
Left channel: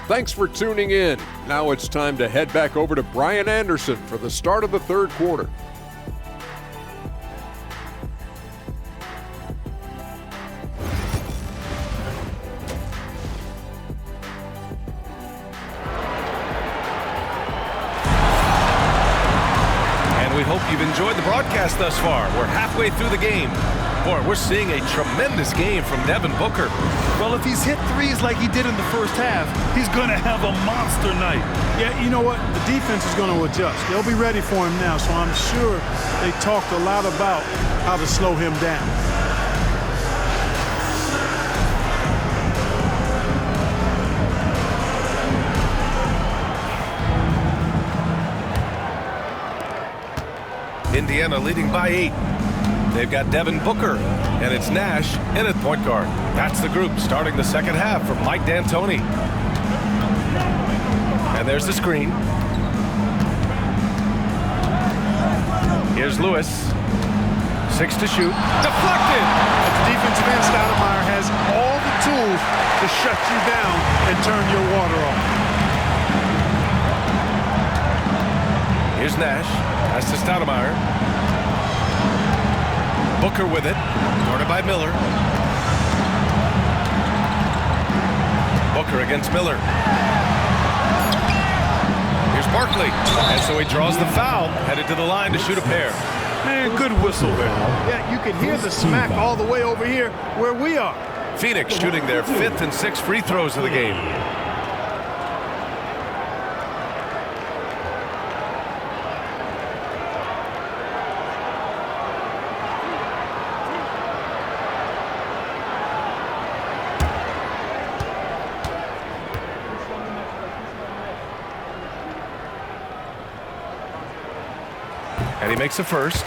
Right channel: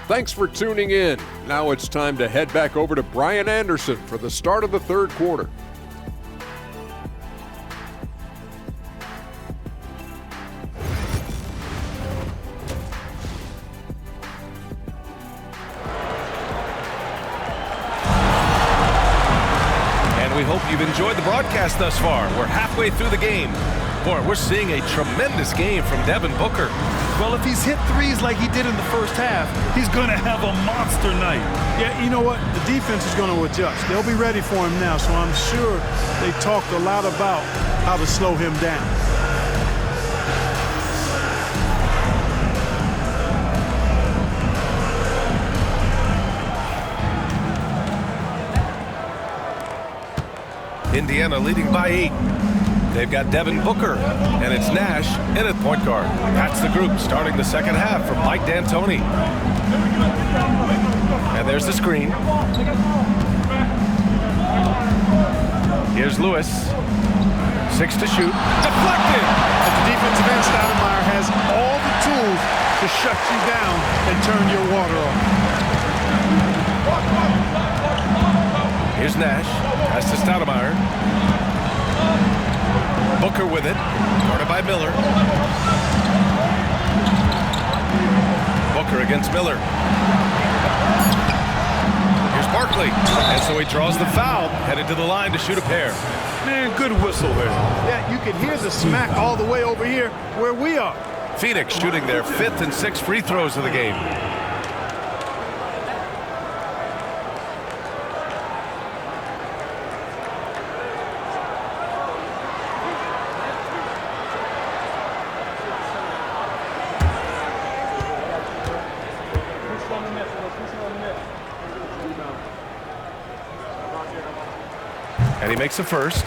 Thanks for tuning in. Now it's time to head back over to Brian Anderson for the start of the third quarter. And we hope you've enjoyed the broadcast thus far. We're halfway through the game. Boy, we're seeing a tremendous game from Devin Booker. Well, if he's hit threes like he did in the first half, he's going to have a monster night. Yeah, you know what? The defense is going to adjust. They'll be ready for him now, so I'm sure they talked a lot about how to slow him down. Indiana leading by 8. They've got Devin Booker, and it's Nash in at point guard. That's the group starting the second half from Mike D'Antoni. And there's the screen. Here's Lewis. 6 to shoot. Deflected! At the defensive end, Stoudemire has all the tools to shut you down and turn your water off. Here's Nash. Pass to Stoudemire. Booker with it. Guarded by Miller. Booker against Miller. Here's Barkley. And so he draws the foul. Headed to the line to shoot a pair. Man, good whistle there. Yeah, you can hear the smack all the way over here where we are. Phoenix shooting their 5th and 6th free throws of the game. And he makes a first.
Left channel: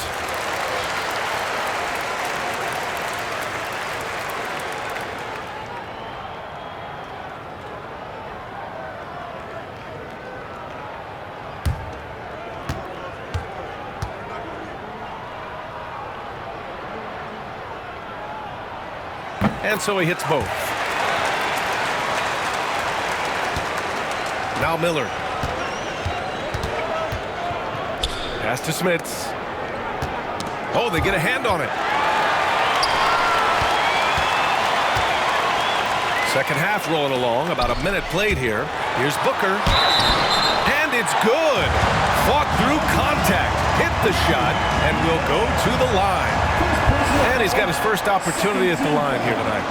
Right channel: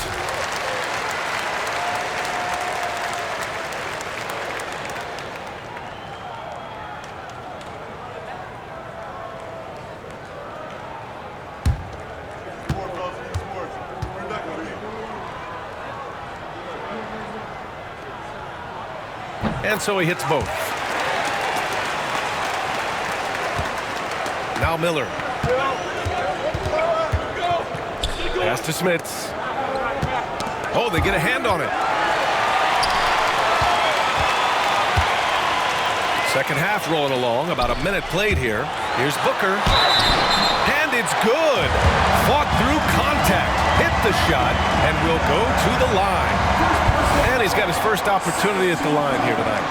And so he hits both. Now Miller. Pass to Smits. Oh, they get a hand on it. Second half rolling along. About a minute played here. Here's Booker. And it's good. Fought through contact. Hit the shot and will go to the line. And he's got his first opportunity at the line here tonight.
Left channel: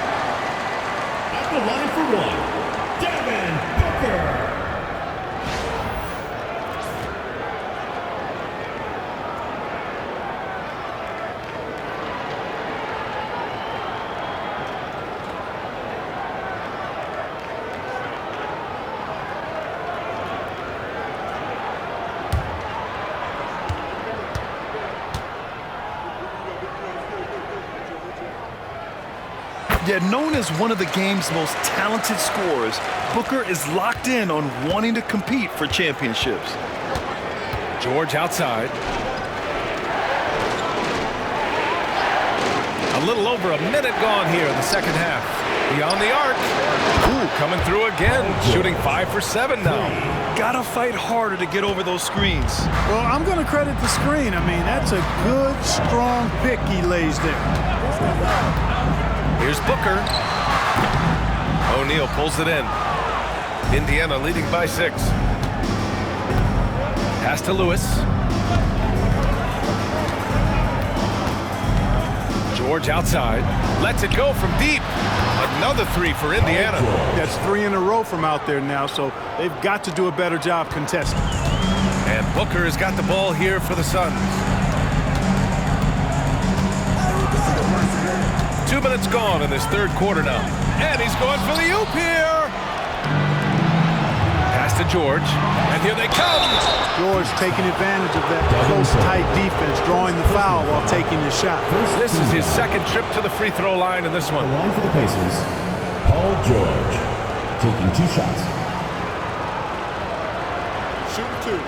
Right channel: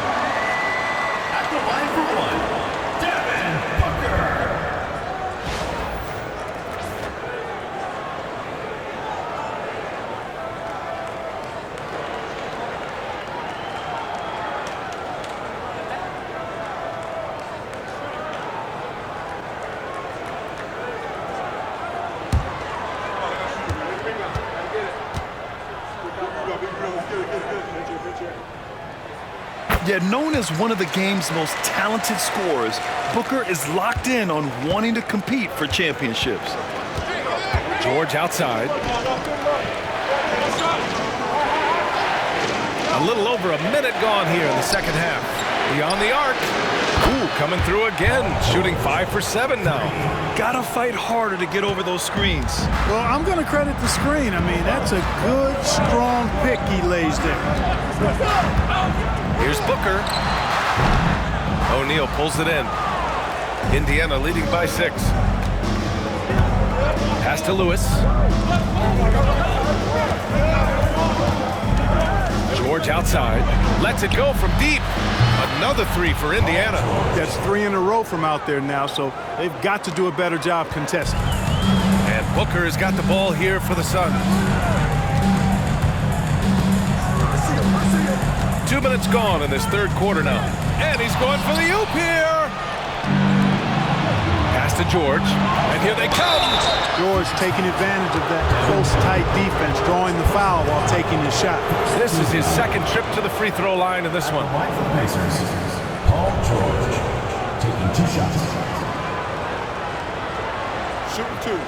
At the line for one, Devin Booker. Yeah, known as one of the game's most talented scorers, Booker is locked in on wanting to compete for championships. George outside. A little over a minute gone here in the second half. Beyond the arc. Ooh, coming through again. Shooting 5 for 7 now. Gotta fight harder to get over those screens. Well, I'm going to credit the screen. I mean, that's a good, strong pick he lays there. Here's Booker. O'Neal pulls it in. Indiana leading by 6. Pass to Lewis. George outside. Lets it go from deep. Another 3 for Indiana. That's 3 in a row from out there now, so they've got to do a better job contesting. And Booker has got the ball here for the Suns. 2 minutes gone in this third quarter now. And he's going for the oop here. Pass to George. And here they come. George taking advantage of that close, tight defense, drawing the foul while taking his shot. This is his second trip to the free throw line in this one. The line for the Pacers, Paul George, taking 2 shots. Shooting 2.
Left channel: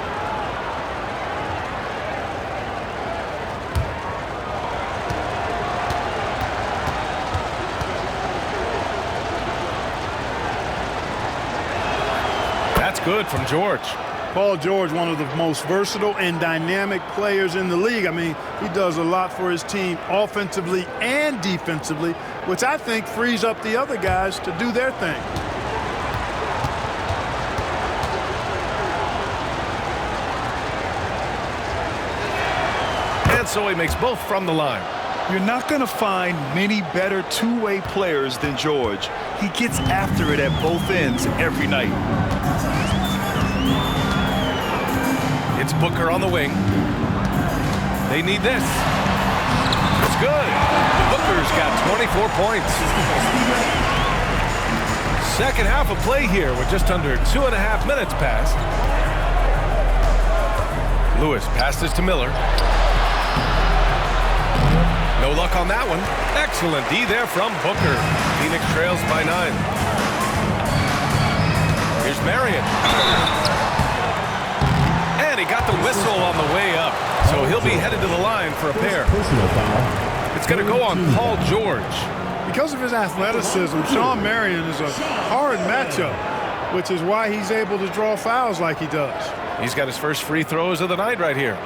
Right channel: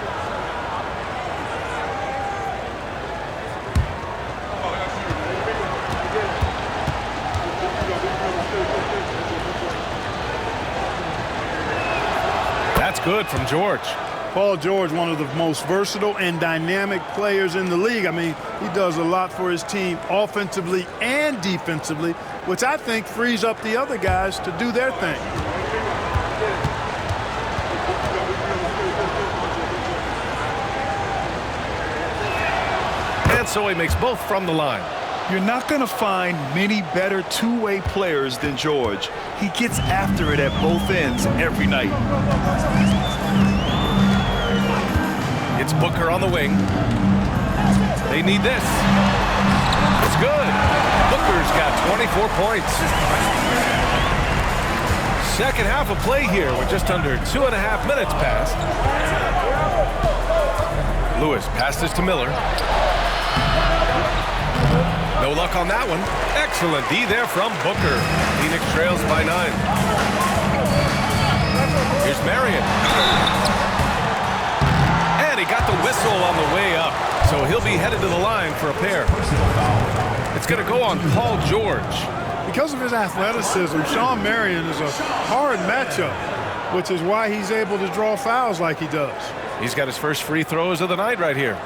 That's good from George. Paul George, one of the most versatile and dynamic players in the league. I mean, he does a lot for his team offensively and defensively, which I think frees up the other guys to do their thing. And so he makes both from the line. You're not going to find many better two-way players than George. He gets after it at both ends every night. It's Booker on the wing. They need this. It's good. Booker's got 24 points. Second half of play here with just under 2.5 minutes passed. Lewis passes to Miller. No luck on that one. Excellent D there from Booker. Phoenix trails by 9. Here's Marion. And he got the whistle on the way up. So he'll be headed to the line for a pair. It's going to go on Paul George. Because of his athleticism, Sean Marion is a hard matchup, which is why he's able to draw fouls like he does. He's got his first free throws of the night right here.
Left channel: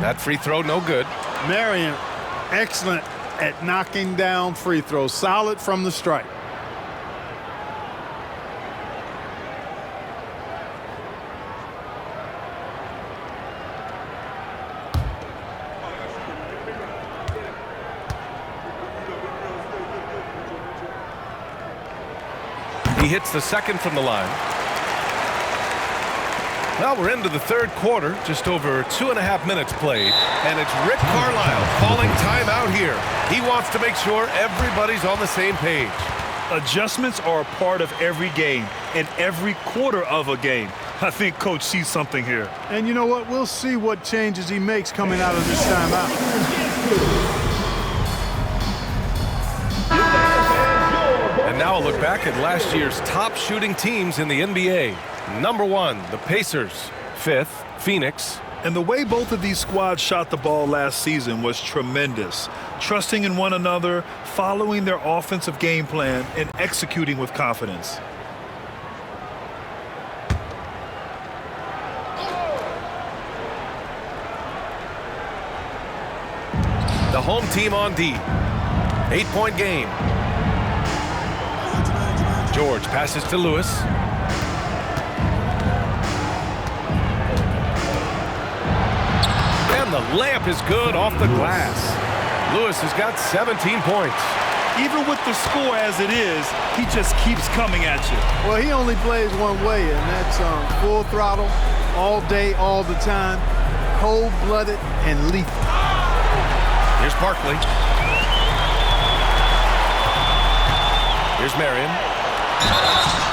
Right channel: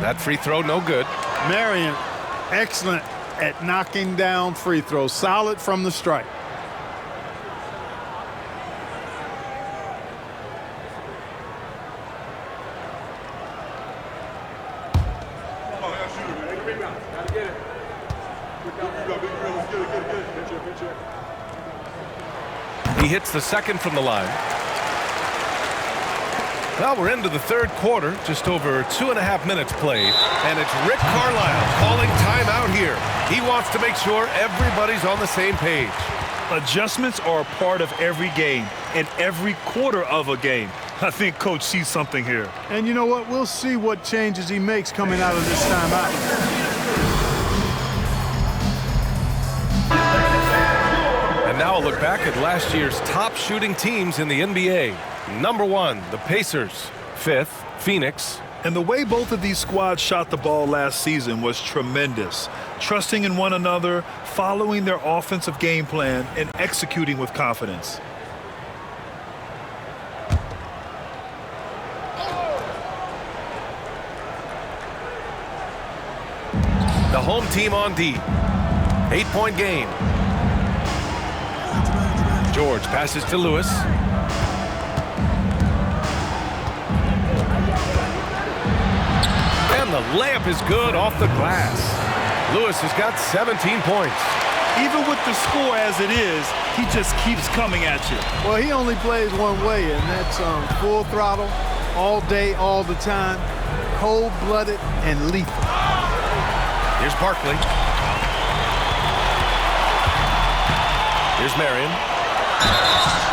That free throw, no good. Marion, excellent at knocking down free throws. Solid from the stripe. He hits the second from the line. Well, we're into the third quarter, just over 2.5 minutes played, and it's Rick Carlisle calling timeout here. He wants to make sure everybody's on the same page. Adjustments are a part of every game and every quarter of a game. I think Coach sees something here. And you know what? We'll see what changes he makes coming out of this timeout. And now a look back at last year's top shooting teams in the NBA. Number 1, the Pacers. 5th, Phoenix. And the way both of these squads shot the ball last season was tremendous. Trusting in one another, following their offensive game plan, and executing with confidence. The home team on D. 8-point game. George passes to Lewis. And the layup is good off the glass. Lewis has got 17 points. Even with the score as it is, he just keeps coming at you. Well, he only plays one way, and that's full throttle, all day, all the time, cold-blooded and lethal. Here's Barkley. Here's Marion.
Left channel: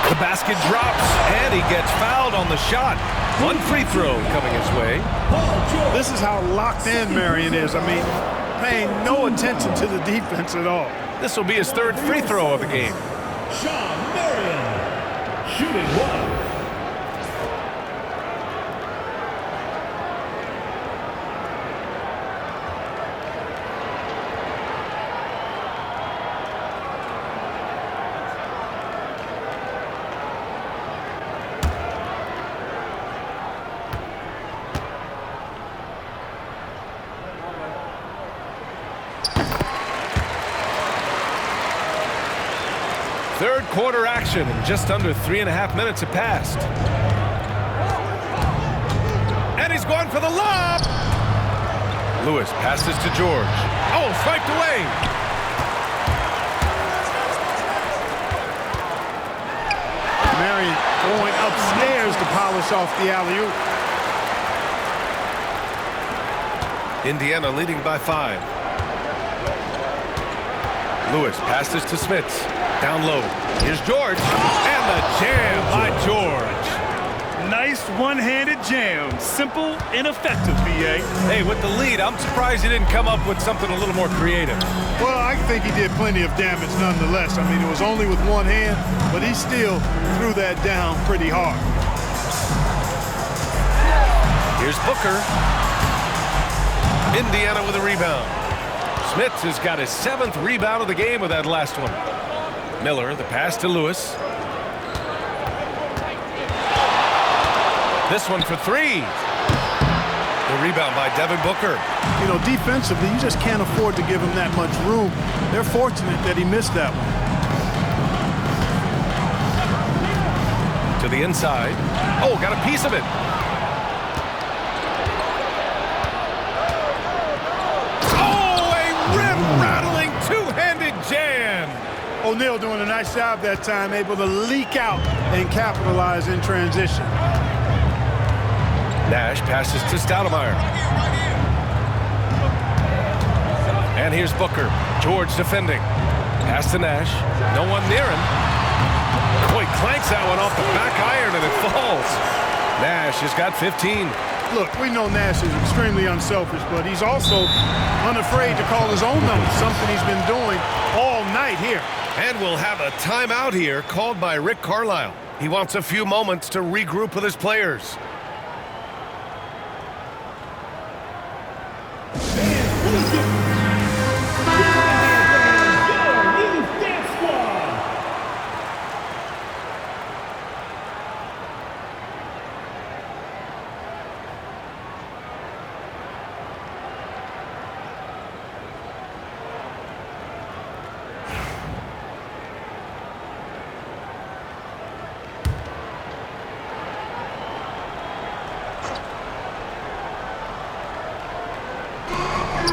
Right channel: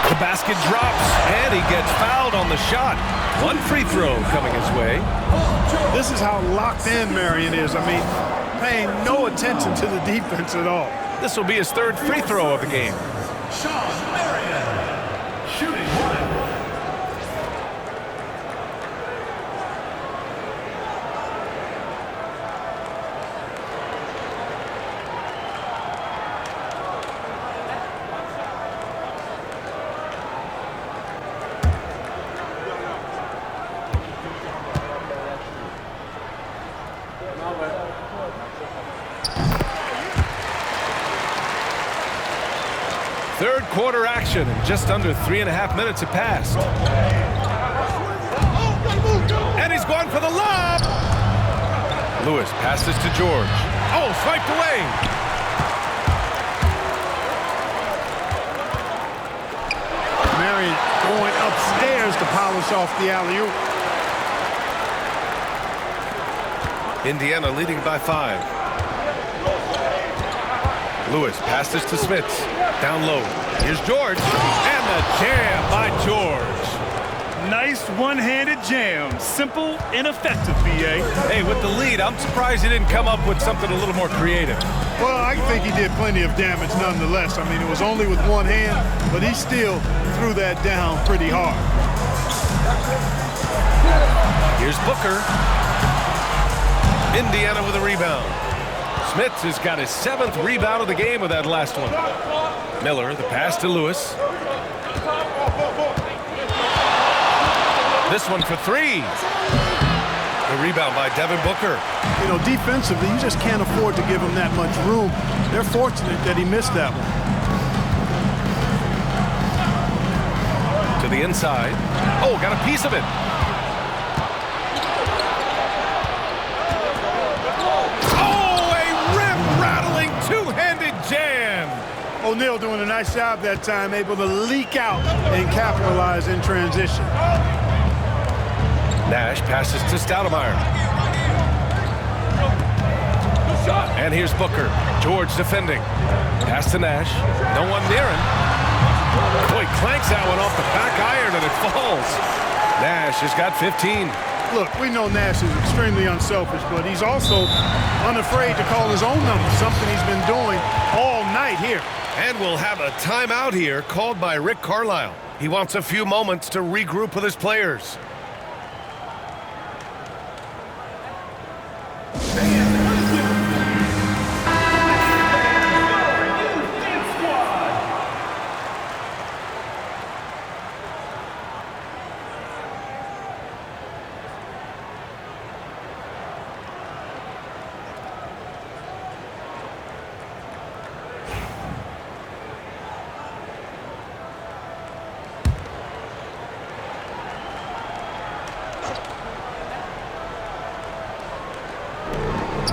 The basket drops, and he gets fouled on the shot. One free throw coming his way. This is how locked in Marion is. I mean, paying no attention to the defense at all. This will be his third free throw of the game. Sean Marion, shooting 1. Third quarter action, and just under 3.5 minutes have passed. And he's going for the lob. Lewis passes to George. Oh, swiped away. Marion going upstairs to polish off the alley-oop. Indiana leading by 5. Lewis passes to Smits. Down low. Here's George. And the jam by George. Nice one-handed jam. Simple and effective, B.A. Hey, with the lead, I'm surprised he didn't come up with something a little more creative. Well, I think he did plenty of damage nonetheless. I mean, it was only with one hand, but he still threw that down pretty hard. Here's Booker. Indiana with a rebound. Smith has got his 7th rebound of the game with that last one. Miller, the pass to Lewis. This one for 3. The rebound by Devin Booker. You know, defensively, you just can't afford to give him that much room. They're fortunate that he missed that one. To the inside. Oh, got a piece of it. Oh, a rim-rattling two-handed jam. O'Neal doing a nice job that time, able to leak out and capitalize in transition. Nash passes to Stoudemire. And here's Booker. George defending. Pass to Nash. No one near him. Boy, clanks that one off the back iron and it falls. Nash has got 15. Look, we know Nash is extremely unselfish, but he's also unafraid to call his own number, something he's been doing all night here. And we'll have a timeout here called by Rick Carlisle. He wants a few moments to regroup with his players.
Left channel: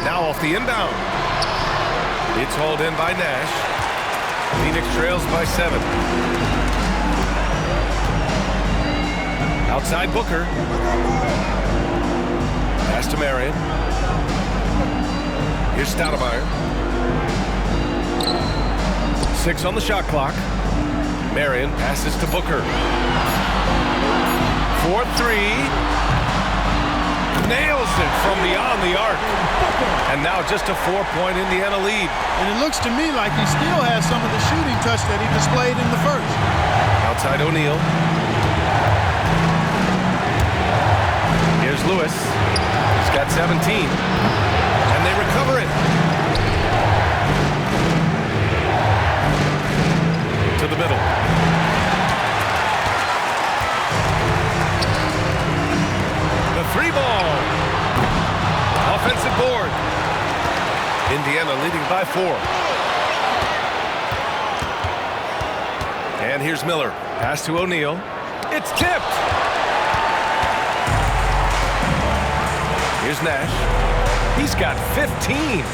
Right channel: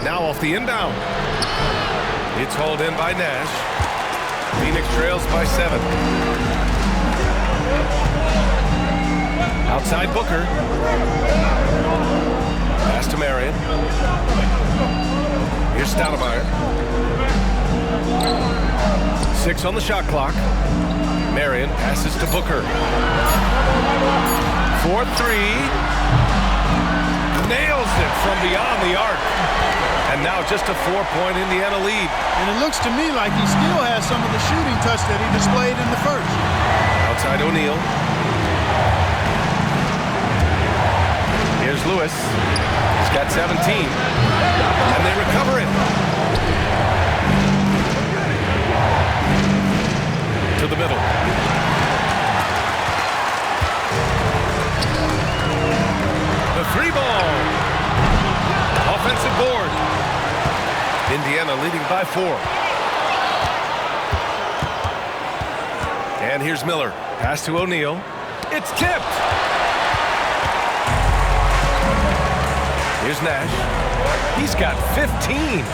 Now off the inbound. It's hauled in by Nash. Phoenix trails by 7. Outside Booker. Pass to Marion. Here's Stoudemire. 6 on the shot clock. Marion passes to Booker. 4-3. Nails it from beyond the arc. And now just a 4-point Indiana lead. And it looks to me like he still has some of the shooting touch that he displayed in the first. Outside O'Neal. Here's Lewis. He's got 17. And they recover it. To the middle. The 3-ball. Offensive board. Indiana leading by 4. And here's Miller. Pass to O'Neal. It's tipped. Here's Nash. He's got 15.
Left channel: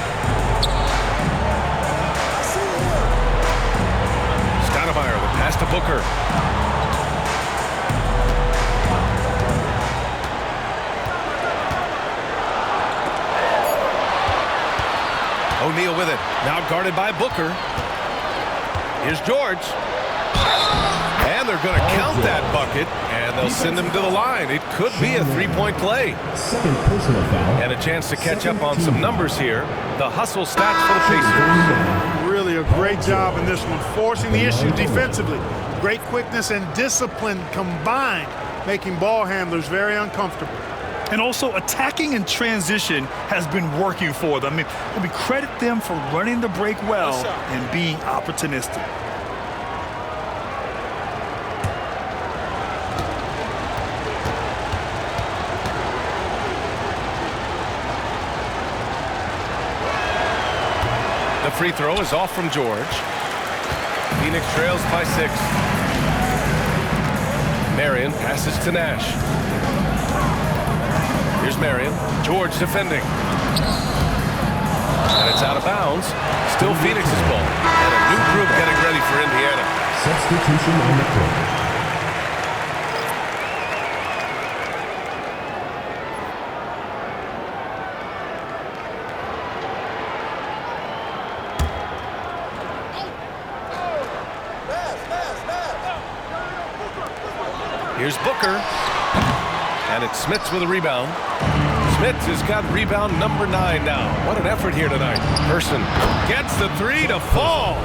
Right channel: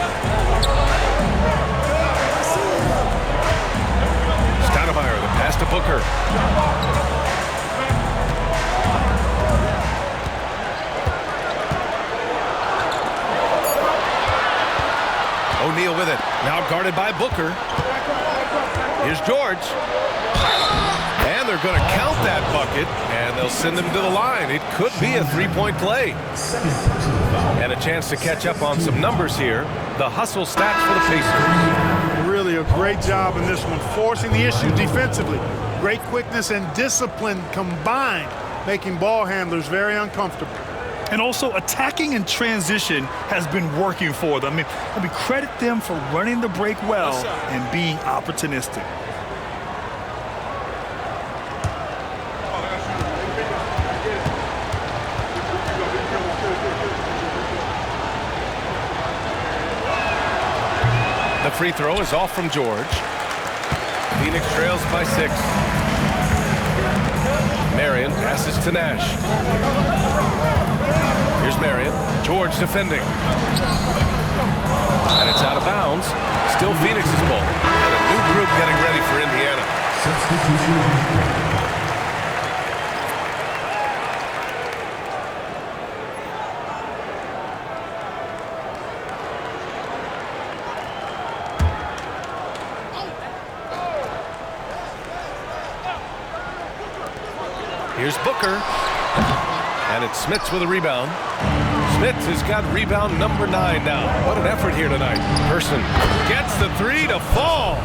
Stoudemire, the pass to Booker. O'Neal with it. Now guarded by Booker. Here's George. And they're going to count that bucket, and they'll send him to the line. It could be a 3-point play. And a chance to catch up on some numbers here. The hustle stats for the Pacers. Really a great job in this one, forcing the issue defensively. Great quickness and discipline combined, making ball handlers very uncomfortable. And also attacking in transition has been working for them. I mean, credit them for running the break well and being opportunistic. The free throw is off from George. Phoenix trails by 6. Marion passes to Nash. Here's Marion. George defending. And it's out of bounds. Still Phoenix's ball. And a new group getting ready for Indiana. Substitution on the court. Here's Booker. And it's Smits with a rebound. Smits has got rebound number 9 now. What an effort here tonight. Person gets the 3 to fall.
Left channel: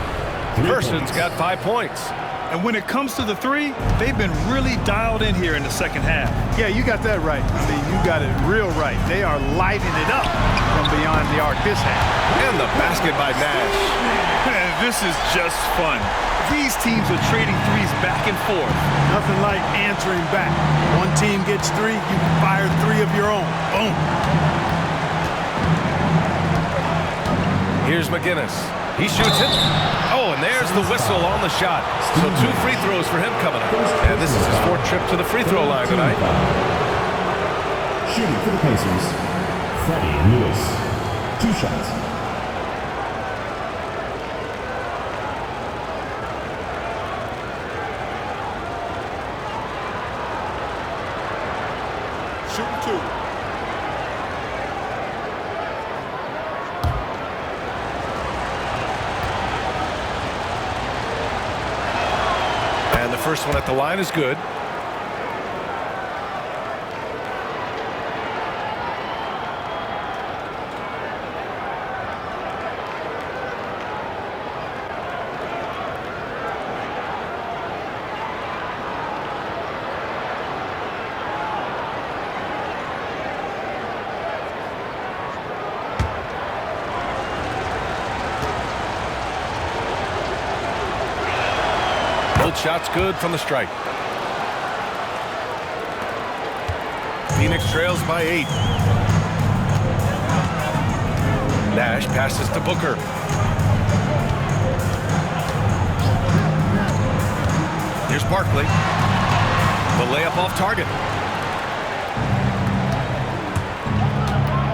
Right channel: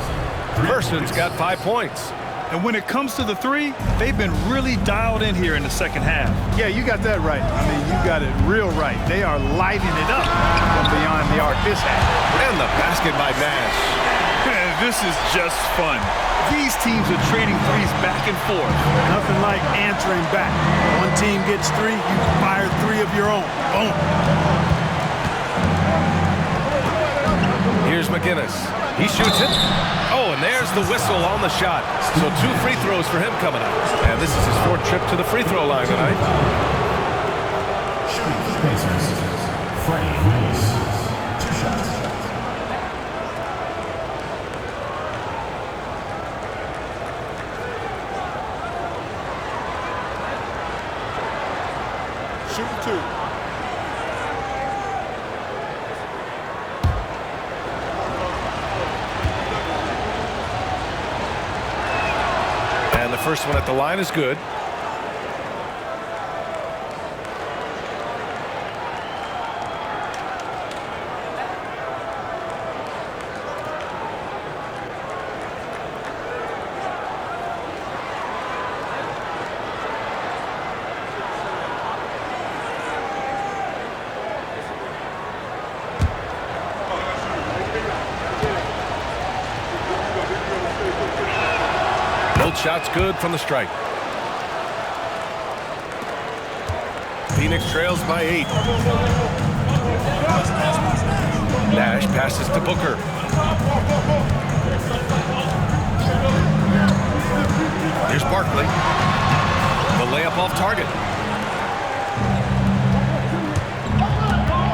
Person's got 5 points. And when it comes to the 3, they've been really dialed in here in the second half. Yeah, you got that right. I mean, you got it real right. They are lighting it up from beyond the arc this half. And the basket by Nash. Man, this is just fun. These teams are trading threes back and forth. Nothing like answering back. One team gets 3, you fire 3 of your own. Boom. Here's McGinnis. He shoots it. Oh, and there's the whistle on the shot. So 2 free throws for him coming up. And this is his 4th trip to the free throw line tonight. Shooting for the Pacers, Freddie Lewis. 2 shots. Shooting 2. And the first one at the line is good. Both shots good from the stripe. Phoenix trails by 8. Nash passes to Booker. Here's Barkley. The layup off target.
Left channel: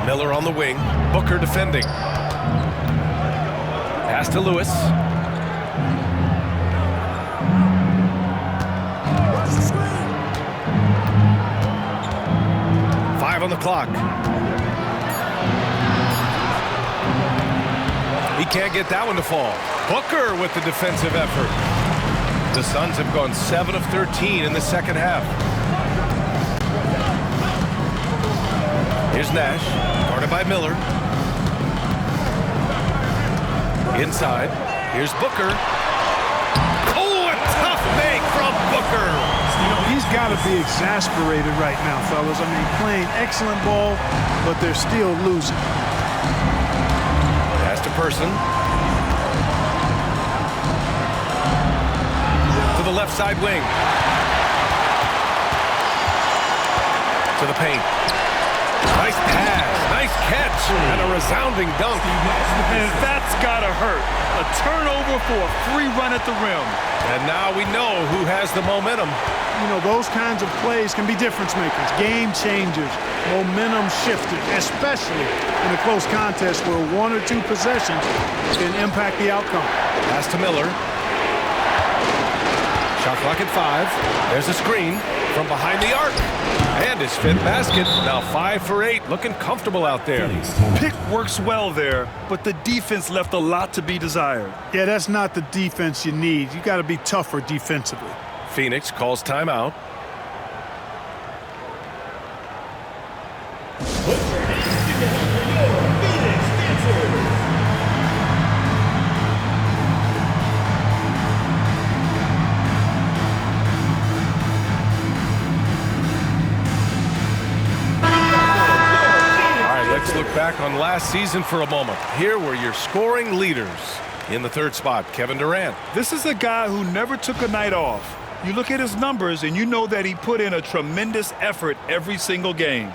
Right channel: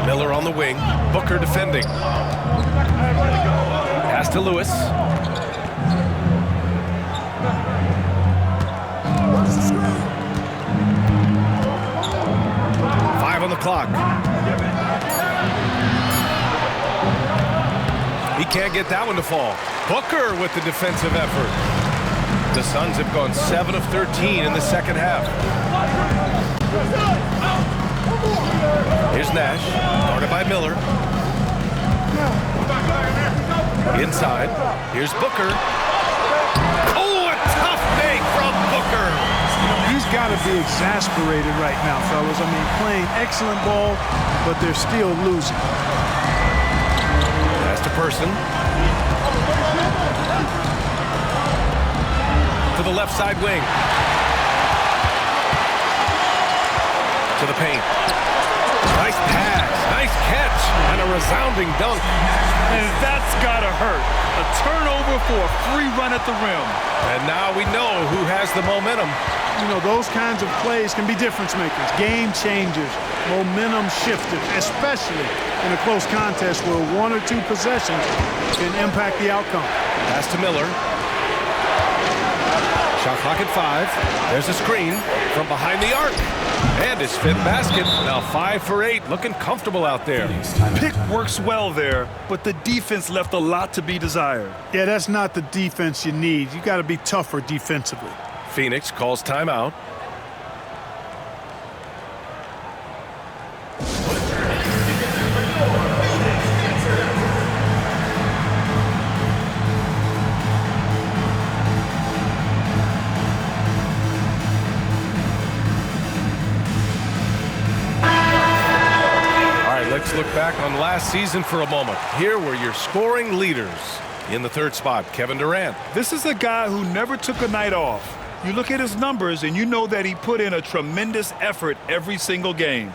Miller on the wing. Booker defending. Pass to Lewis. 5 on the clock. He can't get that one to fall. Booker with the defensive effort. The Suns have gone 7 of 13 in the second half. Here's Nash, guarded by Miller. Inside, here's Booker. Oh, a tough make from Booker. You know, he's got to be exasperated right now, fellas. I mean, playing excellent ball, but they're still losing. Pass to Person. To the left side wing. To the paint. Nice pass, nice catch, and a resounding dunk. And that's gotta hurt. A turnover for a free run at the rim. And now we know who has the momentum. You know, those kinds of plays can be difference makers, game changers, momentum shifters, especially in a close contest where 1 or 2 possessions can impact the outcome. Pass to Miller. Shot clock at 5. There's a screen from behind the arc. And his 5th basket. Now 5 for 8. Looking comfortable out there. Pick works well there, but the defense left a lot to be desired. Yeah, that's not the defense you need. You got to be tougher defensively. Phoenix calls timeout. Let's look back on last season for a moment. Here were your scoring leaders. In the 3rd spot, Kevin Durant. This is a guy who never took a night off. You look at his numbers and you know that he put in a tremendous effort every single game.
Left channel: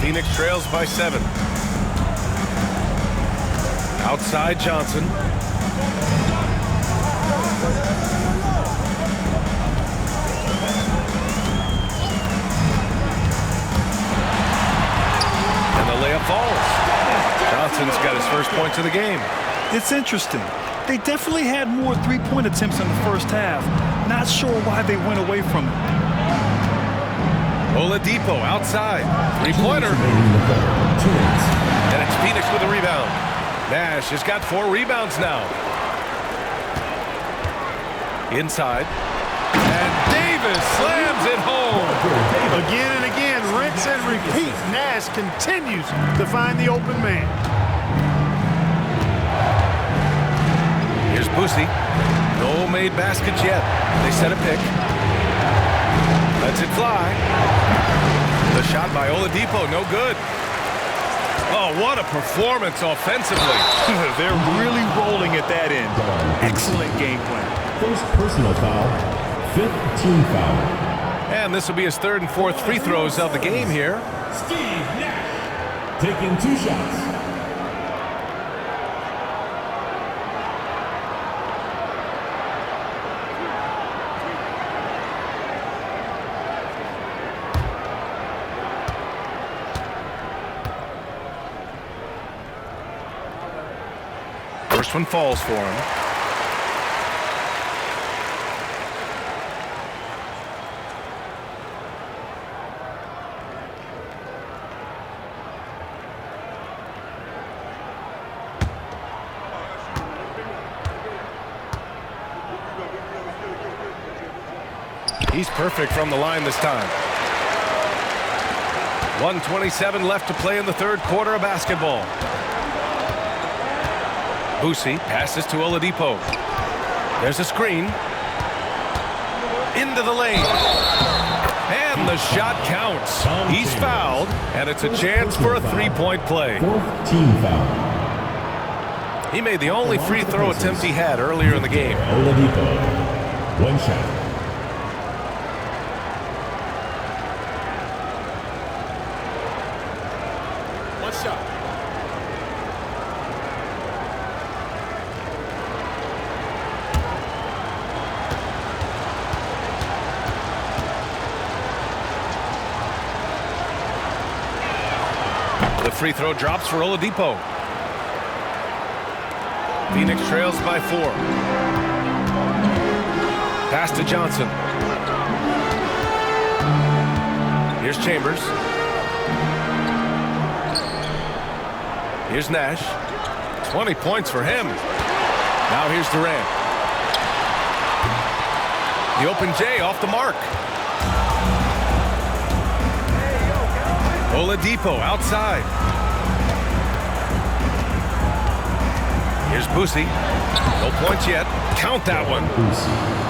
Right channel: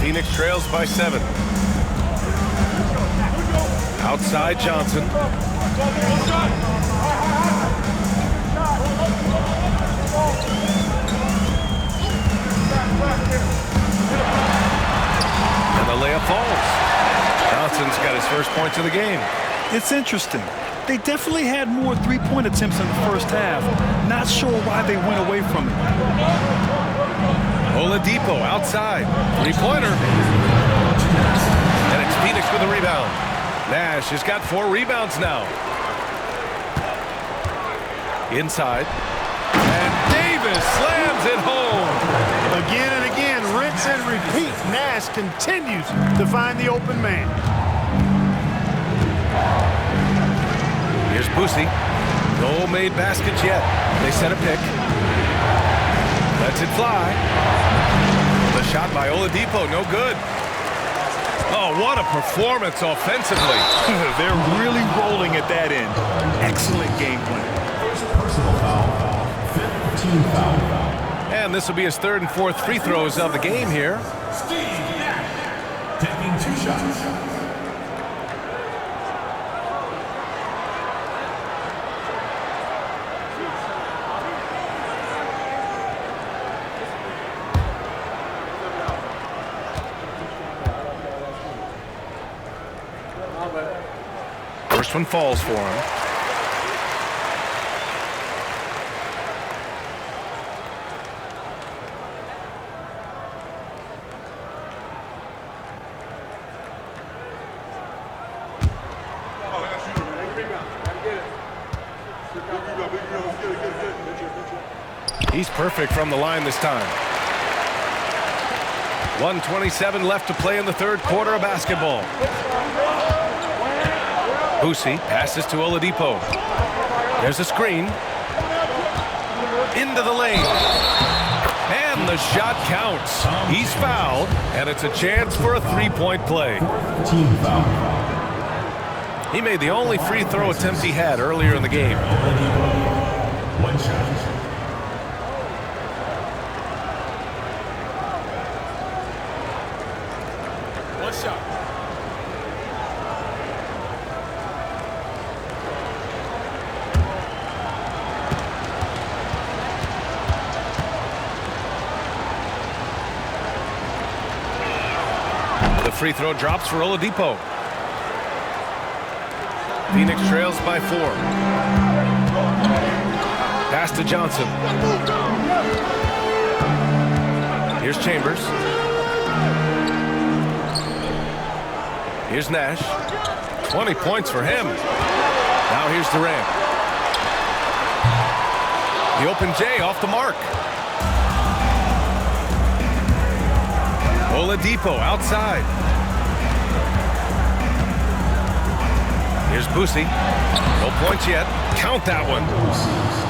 Phoenix trails by 7. Outside Johnson. And the layup falls. Johnson's got his first points of the game. It's interesting. They definitely had more three-point attempts in the first half. Not sure why they went away from it. Oladipo outside. 3-pointer. And it's Phoenix with a rebound. Nash has got 4 rebounds now. Inside. And Davis slams it home. Again and again, rinse and repeat. Nash continues to find the open man. Here's Boosie. No made baskets yet. They set a pick. Lets it fly. The shot by Oladipo, no good. Oh, what a performance offensively. They're really rolling at that end. Excellent game plan. First personal foul, 5th team foul. And this will be his 3rd and 4th free throws of the game here. Steve Nash taking 2 shots. First one falls for him. He's perfect from the line this time. 1:27 left to play in the 3rd quarter of basketball. Boosie passes to Oladipo. There's a screen. Into the lane. And the shot counts. He's fouled, and it's a chance for a 3-point play. 4th team foul. He made the only free throw attempt he had earlier in the game. Oladipo, 1 shot. One shot. The free throw drops for Oladipo. Phoenix trails by 4. Pass to Johnson. Here's Chambers. Here's Nash. 20 points for him. Now here's Durant. The open J off the mark. Oladipo outside. Here's Boosie. No points yet. Count that one.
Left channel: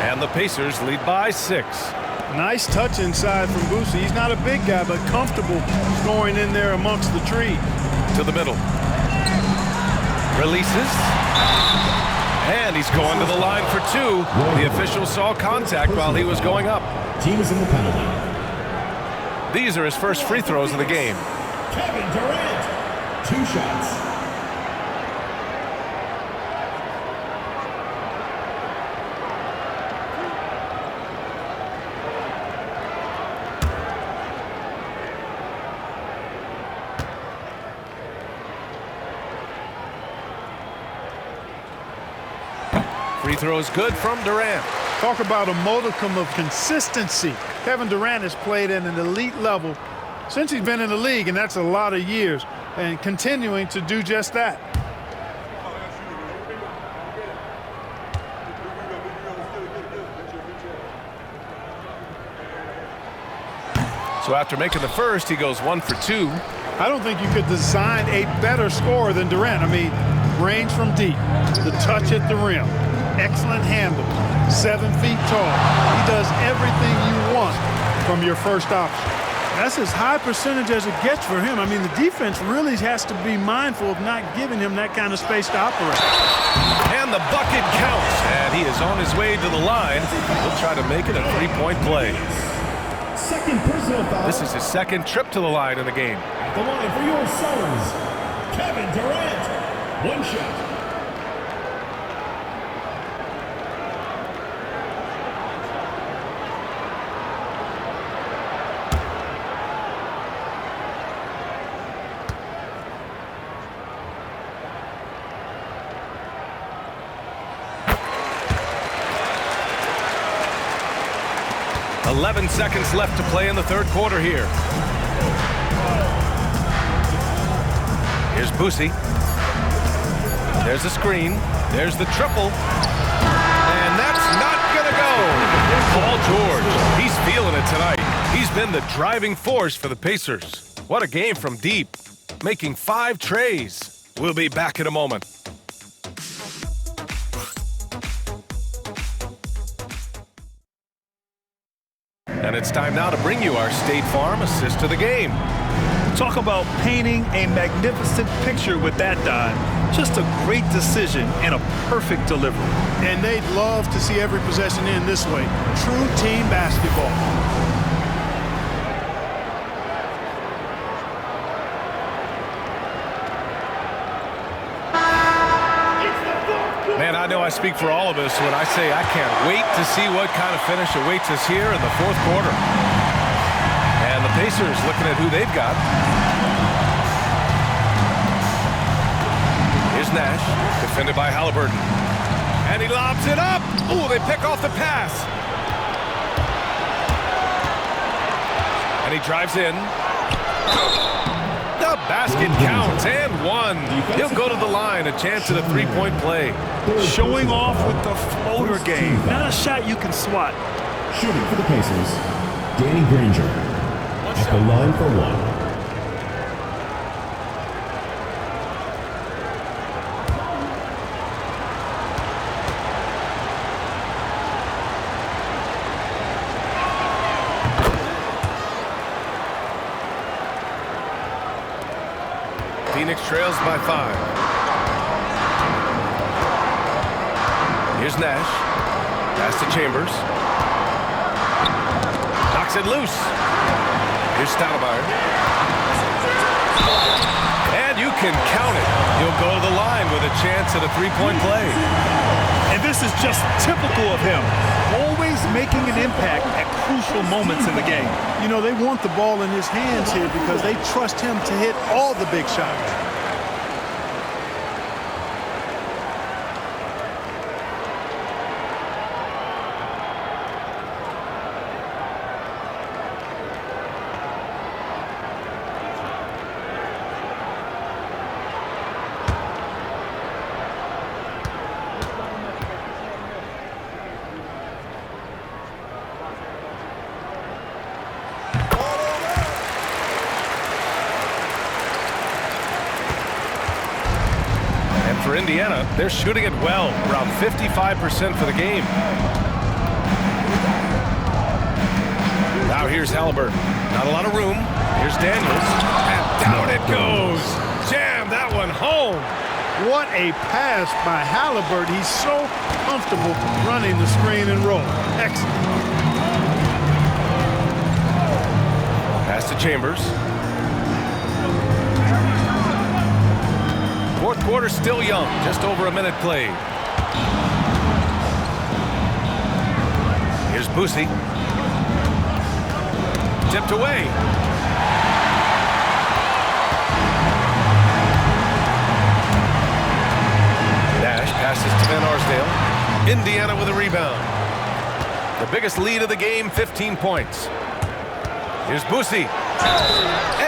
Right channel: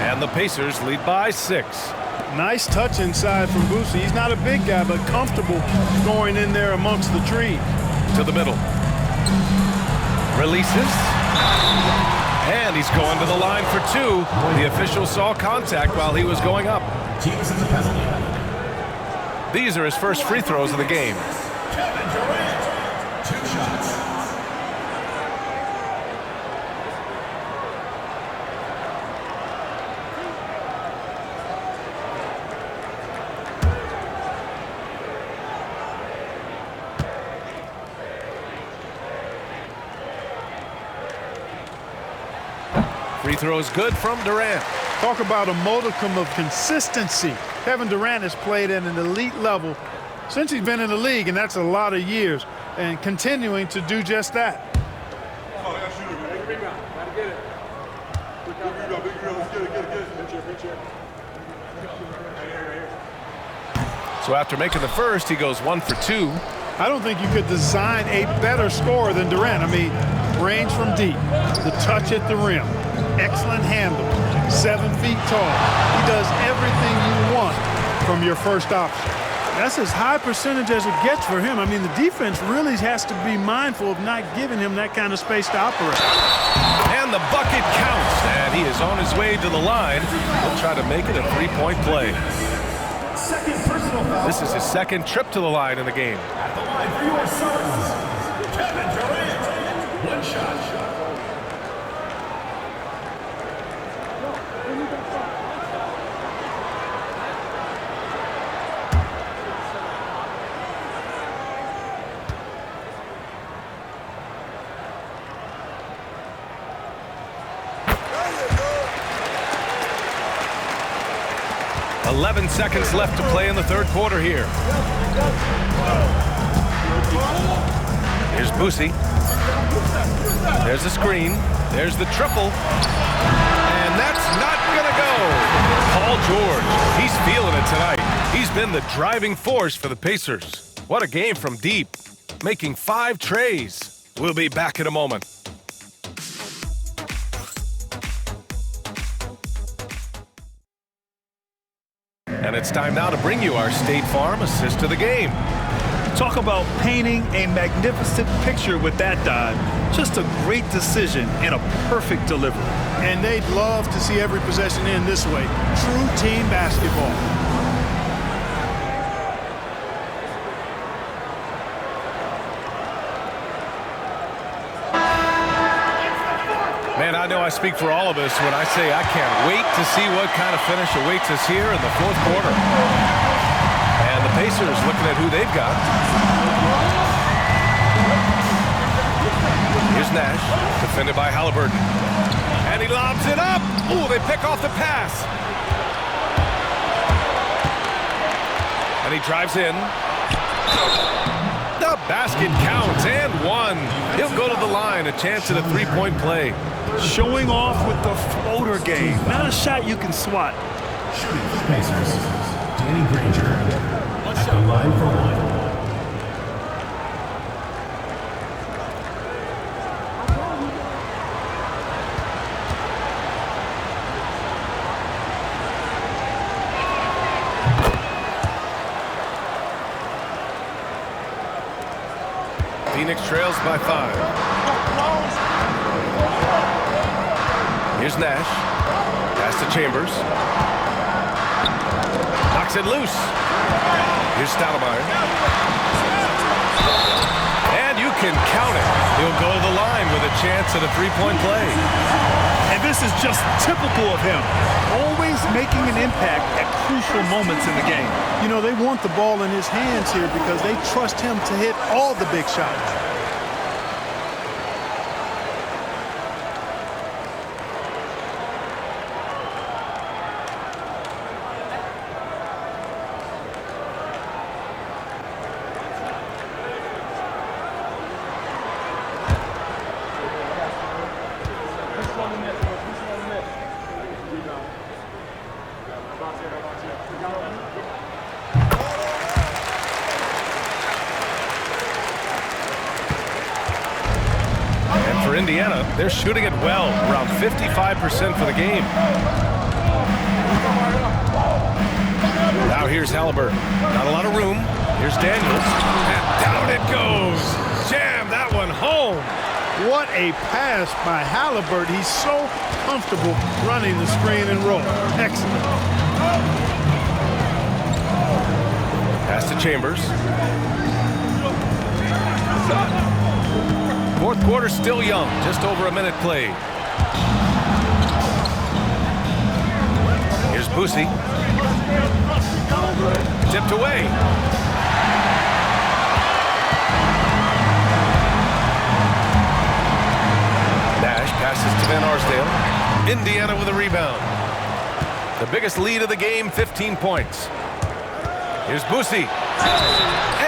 And the Pacers lead by 6. Nice touch inside from Boosie. He's not a big guy, but comfortable scoring in there amongst the trees. To the middle. Releases. And he's going to the line for 2. The official saw contact while he was going up. Team is in the penalty. These are his first free throws of the game. Kevin Durant, 2 shots. Free throws good from Durant. Talk about a modicum of consistency. Kevin Durant has played at an elite level since he's been in the league, and that's a lot of years, and continuing to do just that. So after making the first, he goes 1 for 2. I don't think you could design a better scorer than Durant. I mean, range from deep, the touch at the rim, excellent handle, 7 feet tall. He does everything you want from your first option. That's as high percentage as it gets for him. I mean, the defense really has to be mindful of not giving him that kind of space to operate. And the bucket counts, and he is on his way to the line. He'll try to make it a 3-point play. Second personal foul. This is his 2nd trip to the line in the game. At the line for your Suns, Kevin Durant, 1 shot. .11 seconds left to play in the 3rd quarter here. Here's Boosie. There's a screen. There's the triple. And that's not going to go. Paul George, he's feeling it tonight. He's been the driving force for the Pacers. What a game from deep, making 5 trays. We'll be back in a moment. And it's time now to bring you our State Farm assist of the game. Talk about painting a magnificent picture with that dive. Just a great decision and a perfect delivery. And they'd love to see every possession end this way. True team basketball. Man, I know I speak for all of us when I say I can't wait to see what kind of finish awaits us here in the 4th quarter. And the Pacers looking at who they've got. Here's Nash, defended by Halliburton. And he lobs it up. Ooh, they pick off the pass. And he drives in. The basket counts, and 1. He'll go to the line, a chance at a 3-point play. Showing off with the floater game. Not a shot you can swat. Shooting for the Pacers, Danny Granger. At the line for 1. Phoenix trails by 5. Here's Nash. Pass to Chambers. Knocks it loose. Here's Stoudemire. And you can count it. He'll go to the line with a chance at a 3-point play. And this is just typical of him. Always making an impact at crucial moments in the game. You know, they want the ball in his hands here because they trust him to hit all the big shots. And for Indiana, they're shooting it well, around 55% for the game. Now here's Halliburton. Not a lot of room. Here's Daniels. And down it goes. Jam that one home. What a pass by Halliburton. He's so comfortable running the screen and roll. Excellent. Pass to Chambers. 4th quarter still young, just over a minute played. Here's Boosie. Tipped away. Nash passes to Van Arsdale. Indiana with a rebound. The biggest lead of the game, 15 points. Here's Boosie.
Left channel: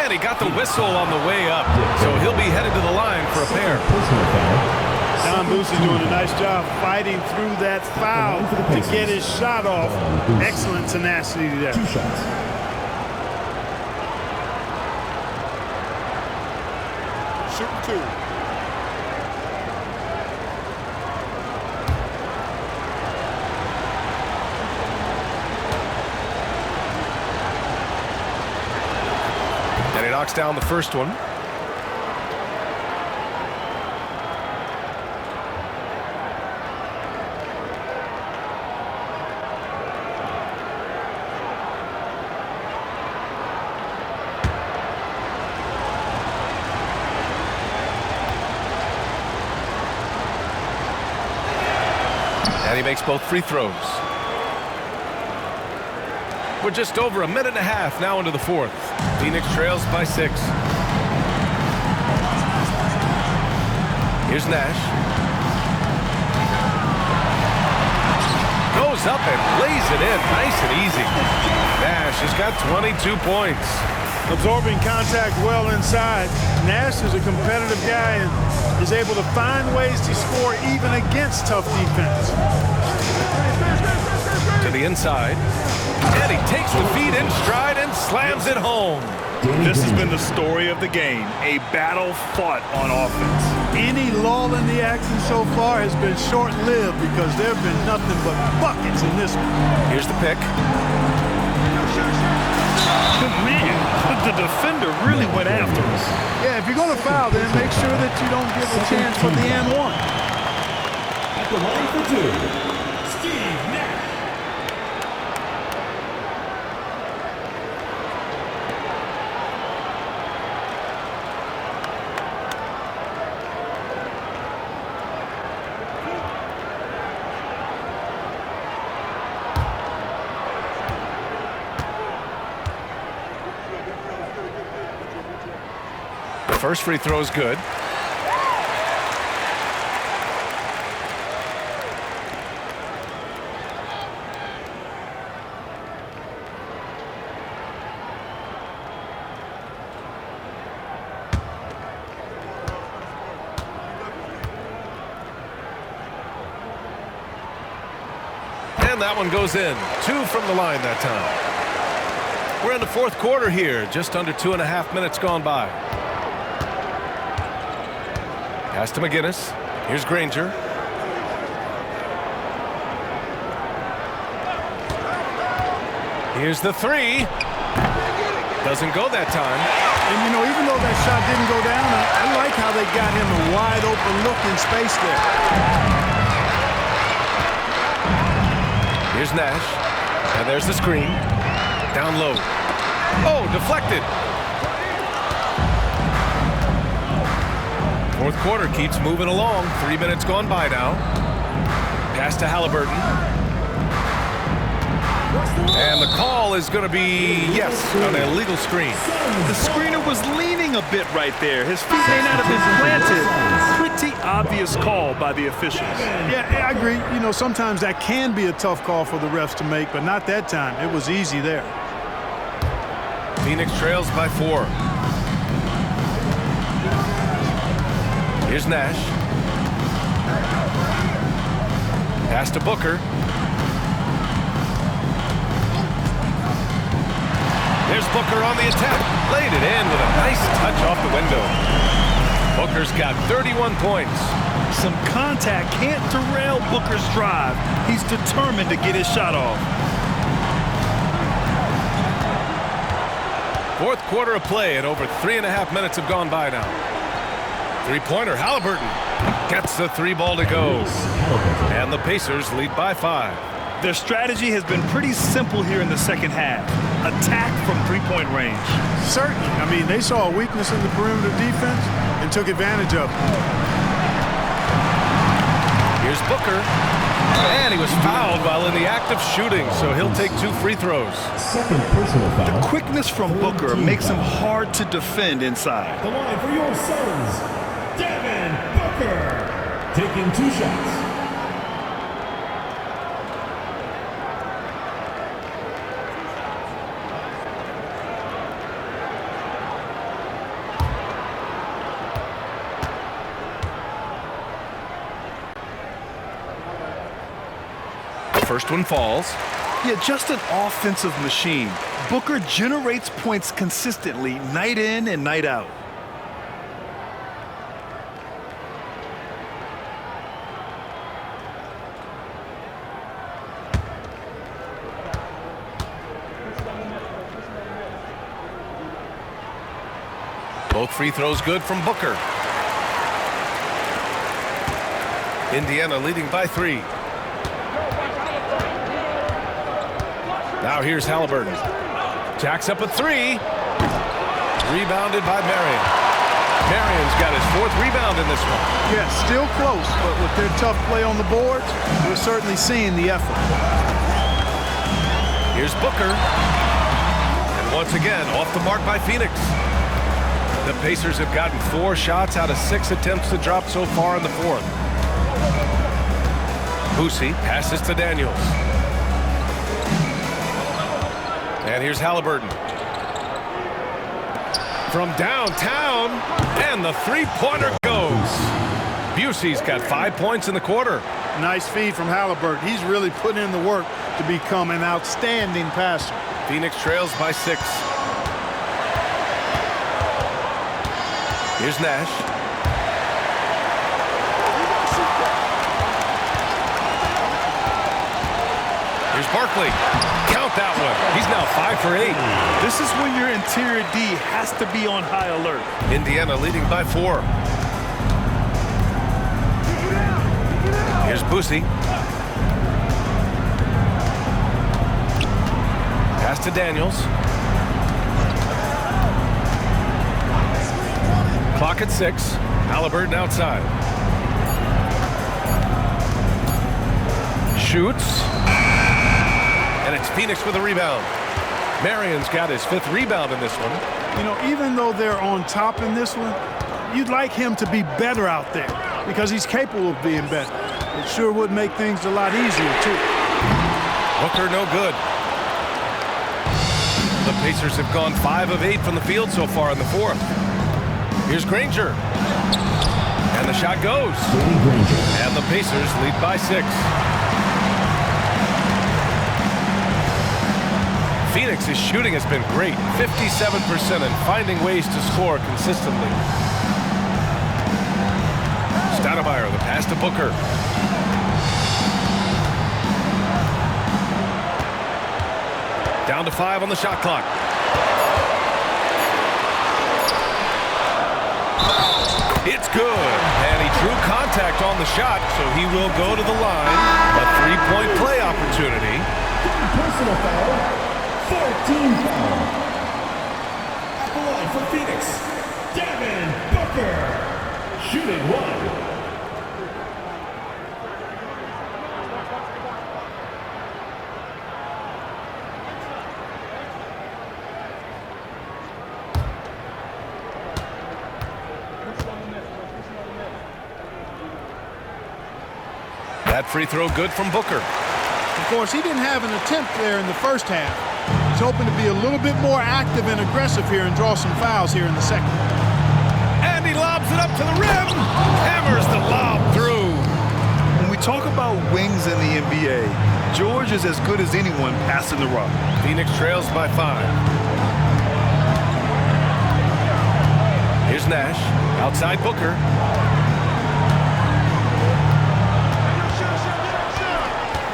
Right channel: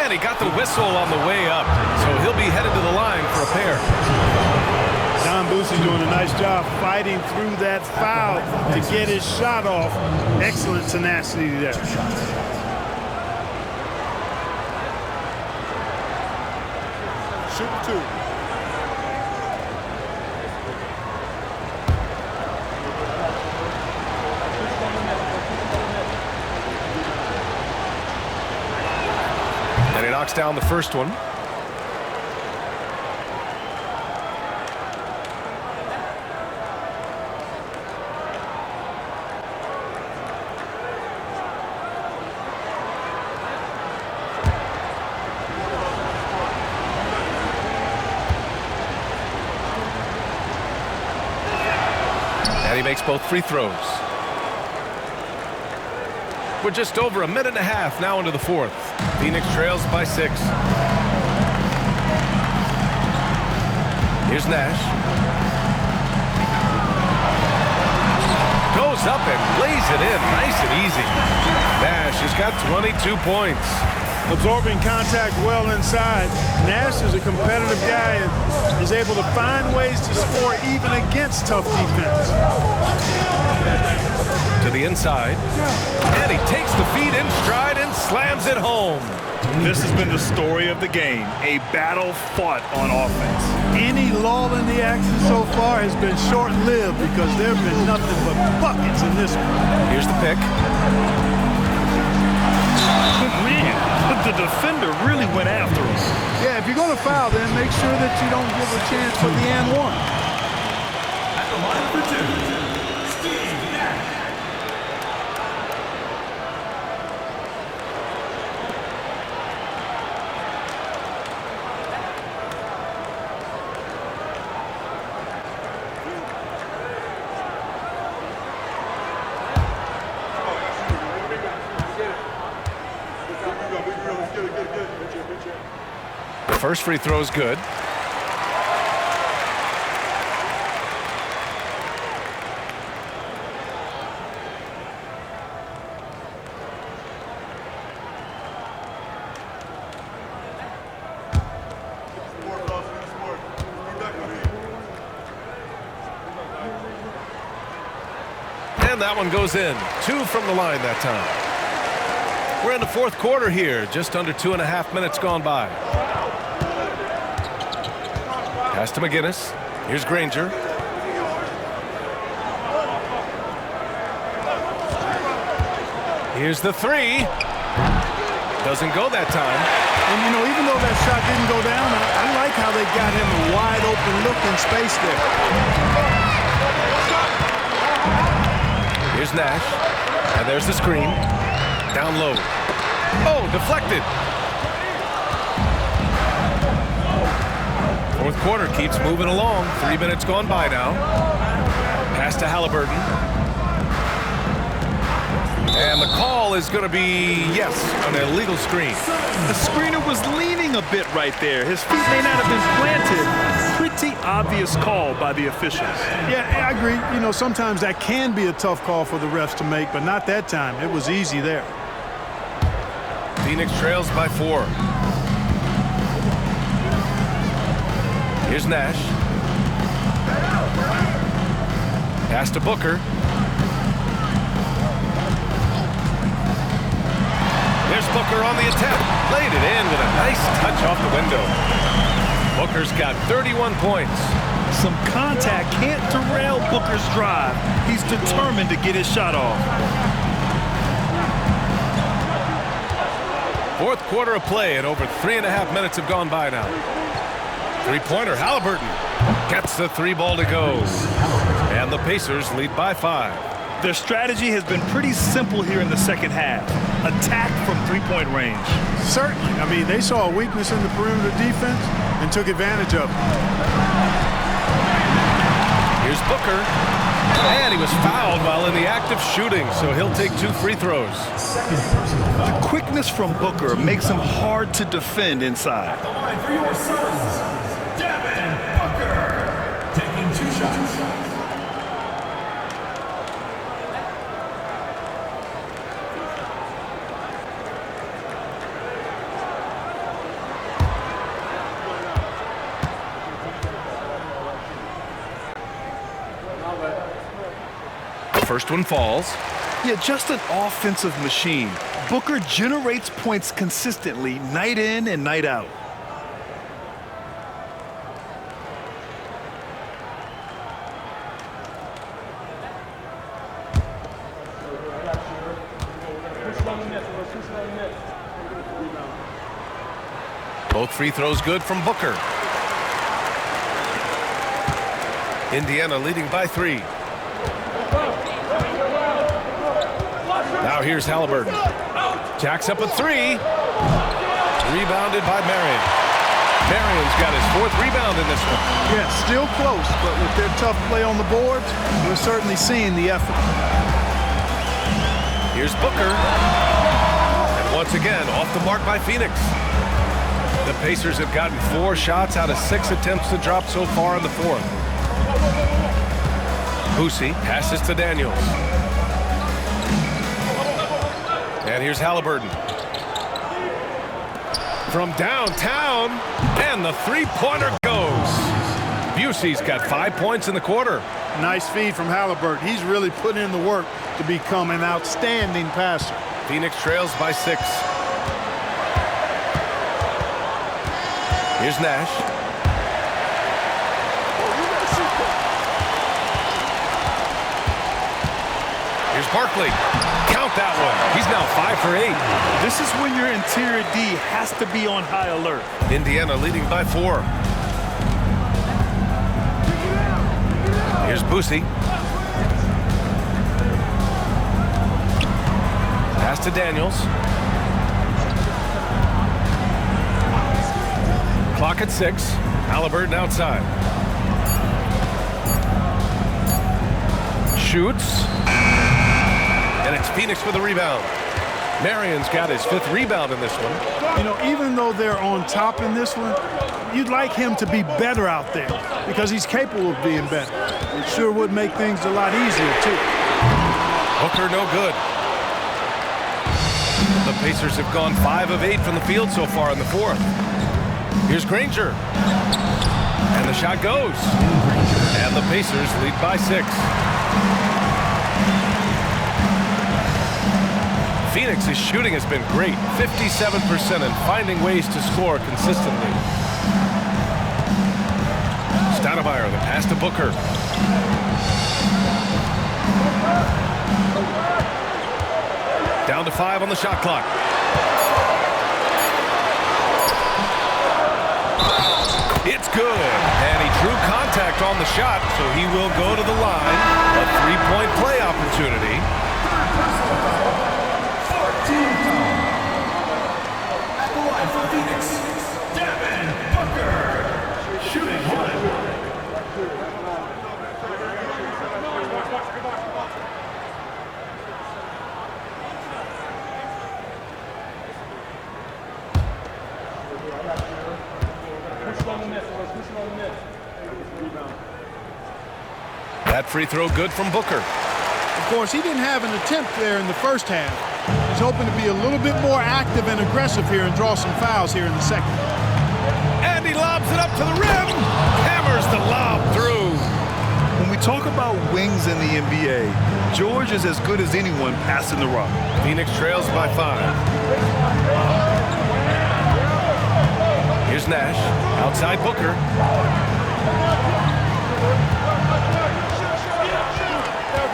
And he got the whistle on the way up, so he'll be headed to the line for a pair. Don Boosie doing a nice job fighting through that foul to get his shot off. Excellent tenacity there. 2 shots. Shooting 2. And he knocks down the first one. And he makes both free throws. We're just over a minute and a half now into the 4th. Phoenix trails by 6. Here's Nash. Goes up and lays it in nice and easy. Nash has got 22 points. Absorbing contact well inside. Nash is a competitive guy and is able to find ways to score even against tough defense. To the inside. And he takes the feed in stride and slams it home. This has been the story of the game, a battle fought on offense. Any lull in the action so far has been short-lived because there have been nothing but buckets in this one. Here's the pick. Man, the defender really went after him. Yeah, if you're going to foul, then make sure that you don't give a chance for the and one. At the line for two, Steve Nash. First free throw is good. And that one goes in. 2 from the line that time. We're in the fourth quarter here. Just under 2.5 minutes gone by. Pass to McGinnis. Here's Granger. Here's the three. Doesn't go that time. And, you know, even though that shot didn't go down, I like how they got him a wide open look in space there. Here's Nash. And there's the screen. Down low. Oh, deflected. Fourth quarter keeps moving along. 3 minutes gone by now. Pass to Halliburton. And the call is going to be, yes, an illegal screen. The screener was leaning a bit right there. His feet may not have been planted. Pretty obvious call by the officials. Yeah, I agree. You know, sometimes that can be a tough call for the refs to make, but not that time. It was easy there. Phoenix trails by 4. Here's Nash. Pass to Booker. There's Booker on the attack. Laid it in with a nice touch off the window. Booker's got 31 points. Some contact can't derail Booker's drive. He's determined to get his shot off. Fourth quarter of play and over 3.5 minutes have gone by now. Three-pointer, Halliburton gets the 3 ball to go. And the Pacers lead by 5. Their strategy has been pretty simple here in the second half. Attack from three-point range. Certainly. I mean, they saw a weakness in the perimeter defense and took advantage of it. Here's Booker. And he was fouled while in the act of shooting, so he'll take 2 free throws. Second personal foul. The quickness from Booker makes him hard to defend inside. The line for your Suns, Devin Booker, taking 2 shots. First one falls. Yeah, just an offensive machine. Booker generates points consistently, night in and night out. Both free throws good from Booker. Indiana leading by 3. Now here's Halliburton. Jacks up a 3. Rebounded by Marion. Marion's got his 4th rebound in this one. Yeah, still close, but with their tough play on the boards, we're certainly seeing the effort. Here's Booker. And once again, off the mark by Phoenix. The Pacers have gotten 4 shots out of 6 attempts to drop so far in the 4th. Boosie passes to Daniels. And here's Halliburton. from downtown, and the three-pointer goes. Busey's got 5 points in the quarter. Nice feed from Halliburton. He's really put in the work to become an outstanding passer. Phoenix trails by 6. Here's Nash. Here's Barkley. Count that one. He's now 5 for 8. This is when your interior D has to be on high alert. Indiana leading by 4. Here's Busey. Pass to Daniels. Clock at 6. Halliburton outside. Shoots. And it's Phoenix with a rebound. Marion's got his 5th rebound in this one. You know, even though they're on top in this one, you'd like him to be better out there because he's capable of being better. It sure would make things a lot easier, too. Booker no good. The Pacers have gone 5 of 8 from the field so far in the 4th. Here's Granger. And the shot goes. And the Pacers lead by 6. Phoenix's shooting has been great, 57%, and finding ways to score consistently. Stoudemire, the pass to Booker. Down to 5 on the shot clock. It's good, and he drew contact on the shot, so he will go to the line. A 3-point play opportunity. Personal foul. 14 foul. At the line for Phoenix, Devin Booker. Shooting 1. That free throw good from Booker. Of course, he didn't have an attempt there in the first half. He's hoping to be a little bit more active and aggressive here and draw some fouls here in the second. And he lobs it up to the rim. Hammers the lob through. When we talk about wings in the NBA, George is as good as anyone passing the rock. Phoenix trails by 5. Here's Nash. Outside Booker.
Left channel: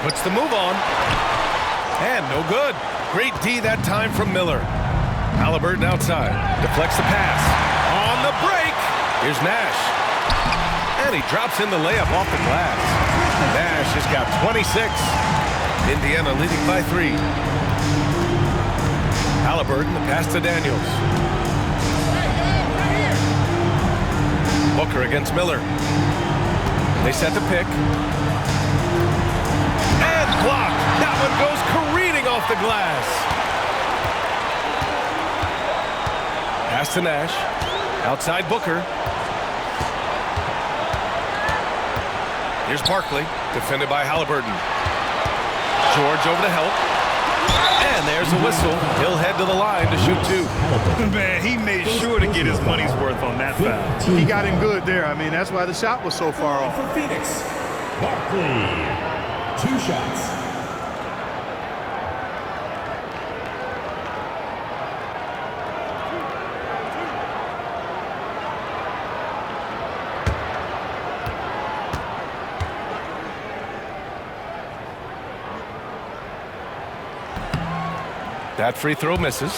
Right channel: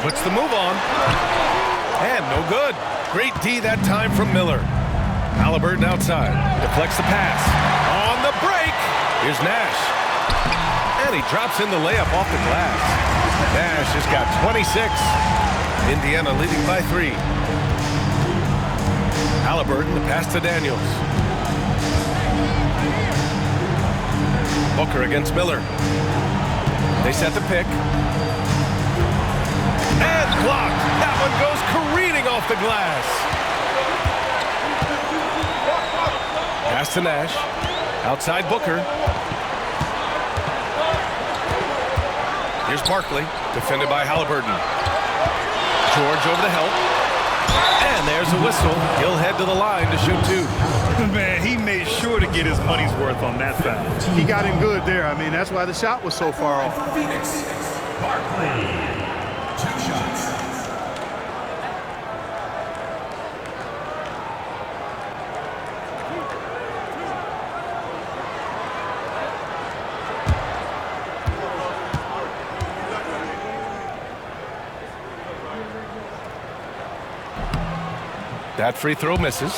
Puts the move on. And no good. Great D that time from Miller. Halliburton outside. Deflects the pass. On the break. Here's Nash. And he drops in the layup off the glass. Nash has got 26. Indiana leading by 3. Halliburton, the pass to Daniels. Booker against Miller. They set the pick. And blocked. That one goes careening off the glass. Pass to Nash. Outside Booker. Here's Barkley, defended by Halliburton. George over to help. And there's a whistle. He'll head to the line to shoot 2. Man, he made sure to get his money's worth on that foul. He got him good there. I mean, that's why the shot was so far off. For Phoenix, Barkley. 2 shots. That free throw misses.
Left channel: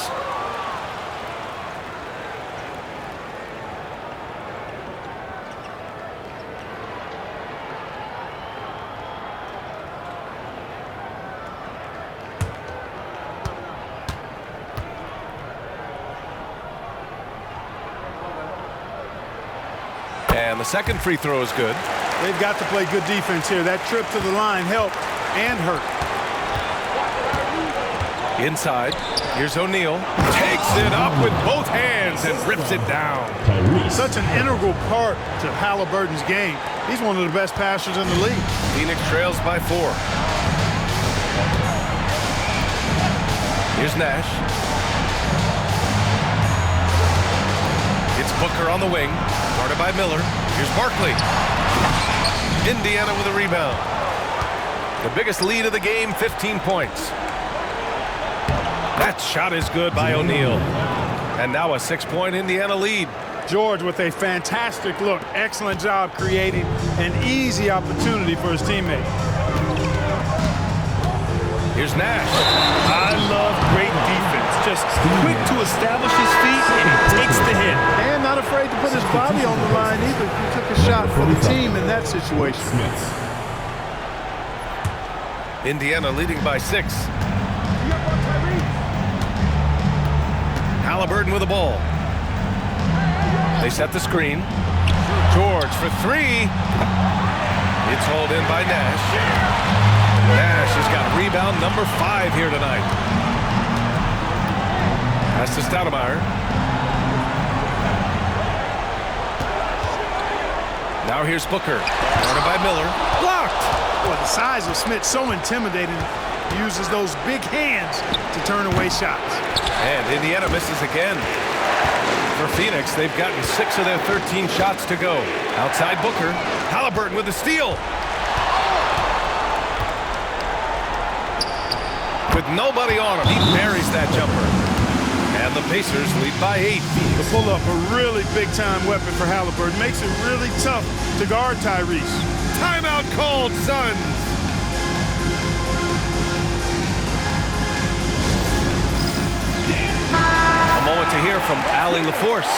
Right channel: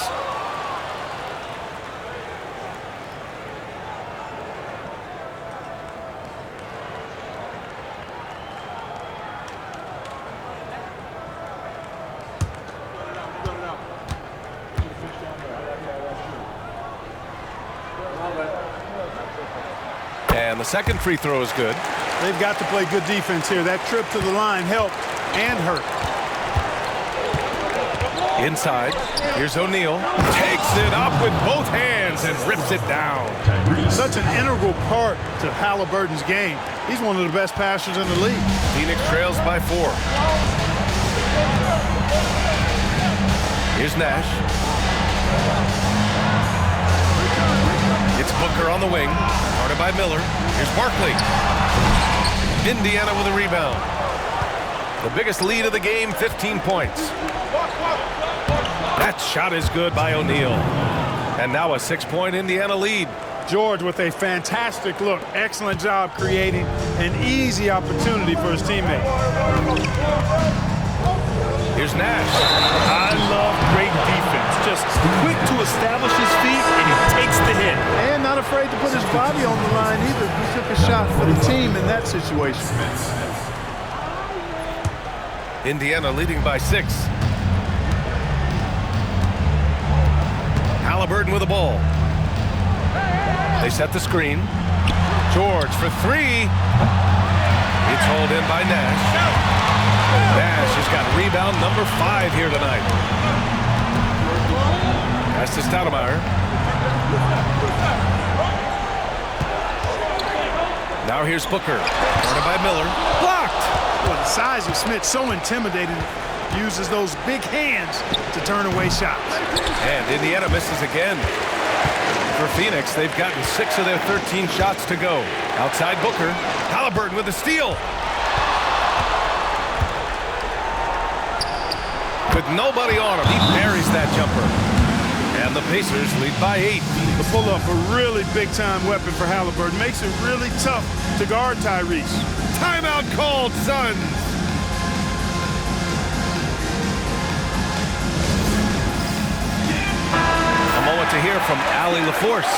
And the second free throw is good. They've got to play good defense here. That trip to the line helped and hurt. Inside, here's O'Neal. Takes it up with both hands and rips it down. Such an integral part to Halliburton's game. He's one of the best passers in the league. Phoenix trails by 4. Here's Nash. It's Booker on the wing, guarded by Miller. Here's Barkley. Indiana with a rebound. The biggest lead of the game, 15 points. That shot is good by O'Neal. And now a 6-point Indiana lead. George with a fantastic look. Excellent job creating an easy opportunity for his teammate. Here's Nash. I love great defense. Just quick to establish his feet, and he takes the hit. And not afraid to put his body on the line either. He took a shot for the team in that situation. Indiana leading by 6. Halliburton with the ball. They set the screen. George for 3. It's hauled in by Nash. Nash has got rebound number 5 here tonight. Pass to Stoudemire. Now here's Booker. Guarded by Miller. Blocked. Boy, the size of Smith so intimidating. He uses those big hands to turn away shots. And Indiana misses again. For Phoenix, they've gotten 6 of their 13 shots to go. Outside Booker. Halliburton with the steal. With nobody on him, he buries that jumper. And the Pacers lead by 8. The pull-up, a really big-time weapon for Halliburton. Makes it really tough to guard Tyrese. Timeout called, Suns. A moment to hear from Allie LaForce.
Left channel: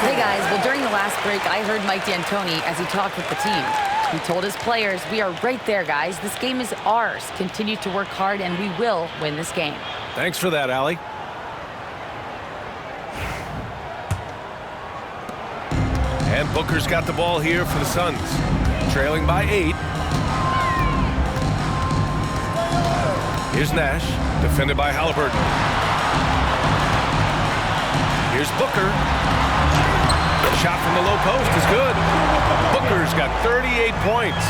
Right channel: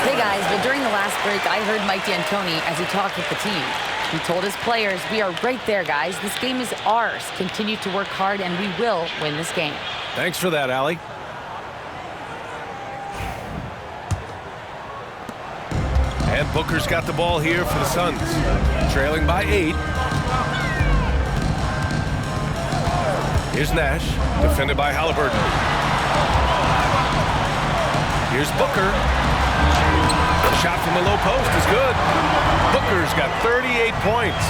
Hey guys, well during the last break, I heard Mike D'Antoni as he talked with the team. He told his players, we are right there, guys. This game is ours. Continue to work hard, and we will win this game. Thanks for that, Allie. And Booker's got the ball here for the Suns. Trailing by 8. Here's Nash, defended by Halliburton. Here's Booker. The shot from the low post is good. Booker's got 38 points.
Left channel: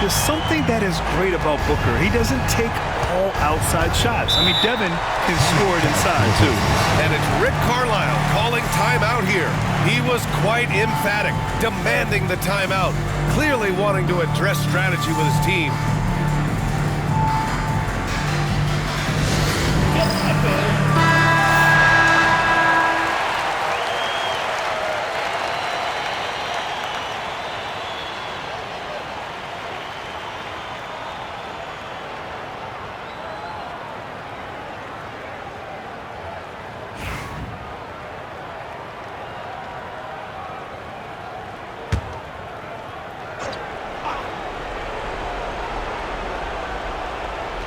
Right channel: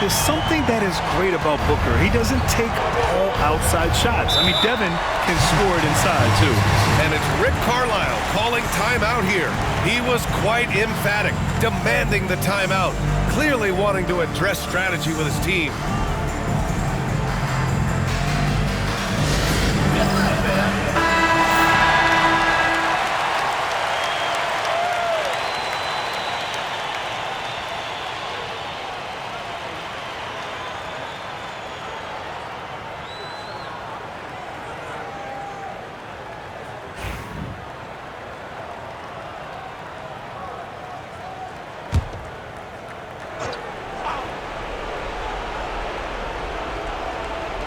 There's something that is great about Booker. He doesn't take all outside shots. I mean, Devin can score it inside, too. And it's Rick Carlisle calling timeout here. He was quite emphatic, demanding the timeout, clearly wanting to address strategy with his team.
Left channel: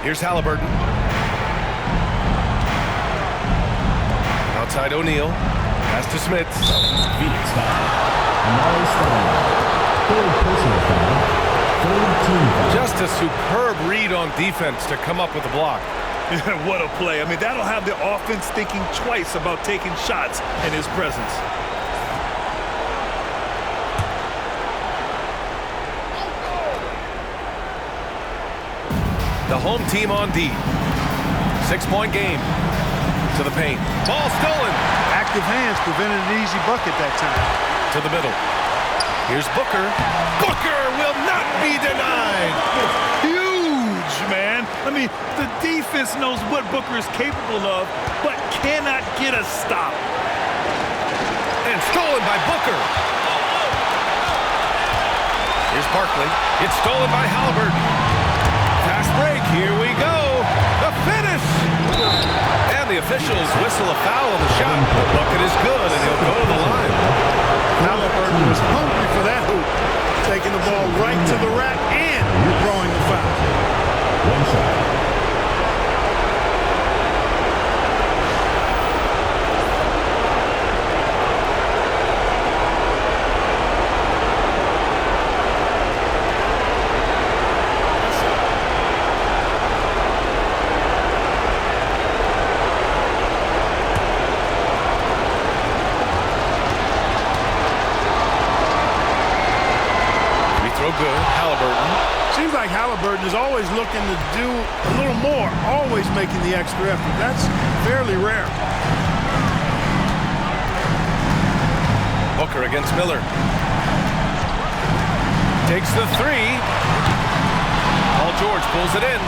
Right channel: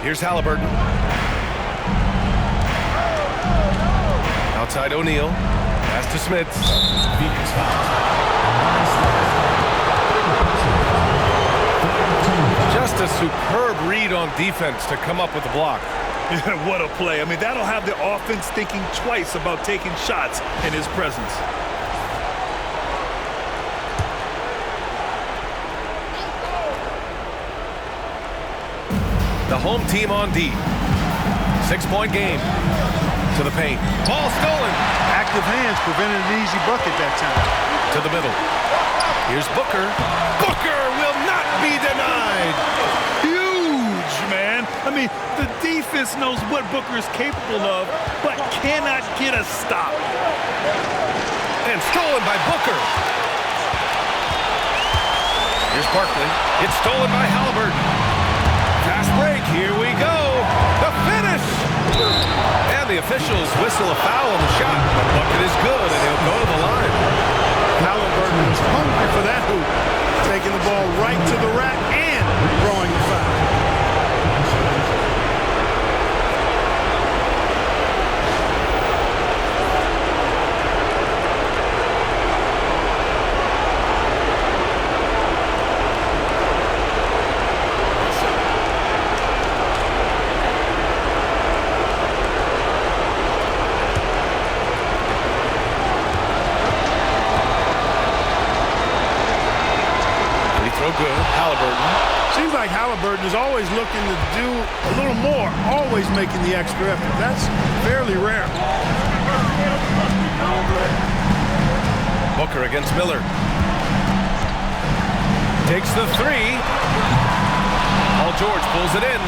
Here's Halliburton. Outside O'Neal. Pass to Smith. Phoenix foul. Just a superb read on defense to come up with the block. What a play. I mean, that'll have the offense thinking twice about taking shots in his presence. The home team on D. 6-point game. To the paint. Ball stolen. Active hands prevented an easy bucket that time. To the middle. Here's Booker. Booker will not be denied. Huge, man. I mean, the defense knows what Booker is capable of, but cannot get a stop. And stolen by Booker. Here's Barkley. It's stolen by Halliburton. Fast break, here we go. The finish. And the officials whistle a foul on the shot. The bucket is good, and he'll go to the line. Halliburton was hungry for that hoop. Taking the ball right to the rack and drawing the foul. Throw good. Halliburton. Seems like Halliburton is always looking to do a little more, always making the extra effort. That's fairly rare. Booker against Miller. Takes the three. Paul George pulls it in.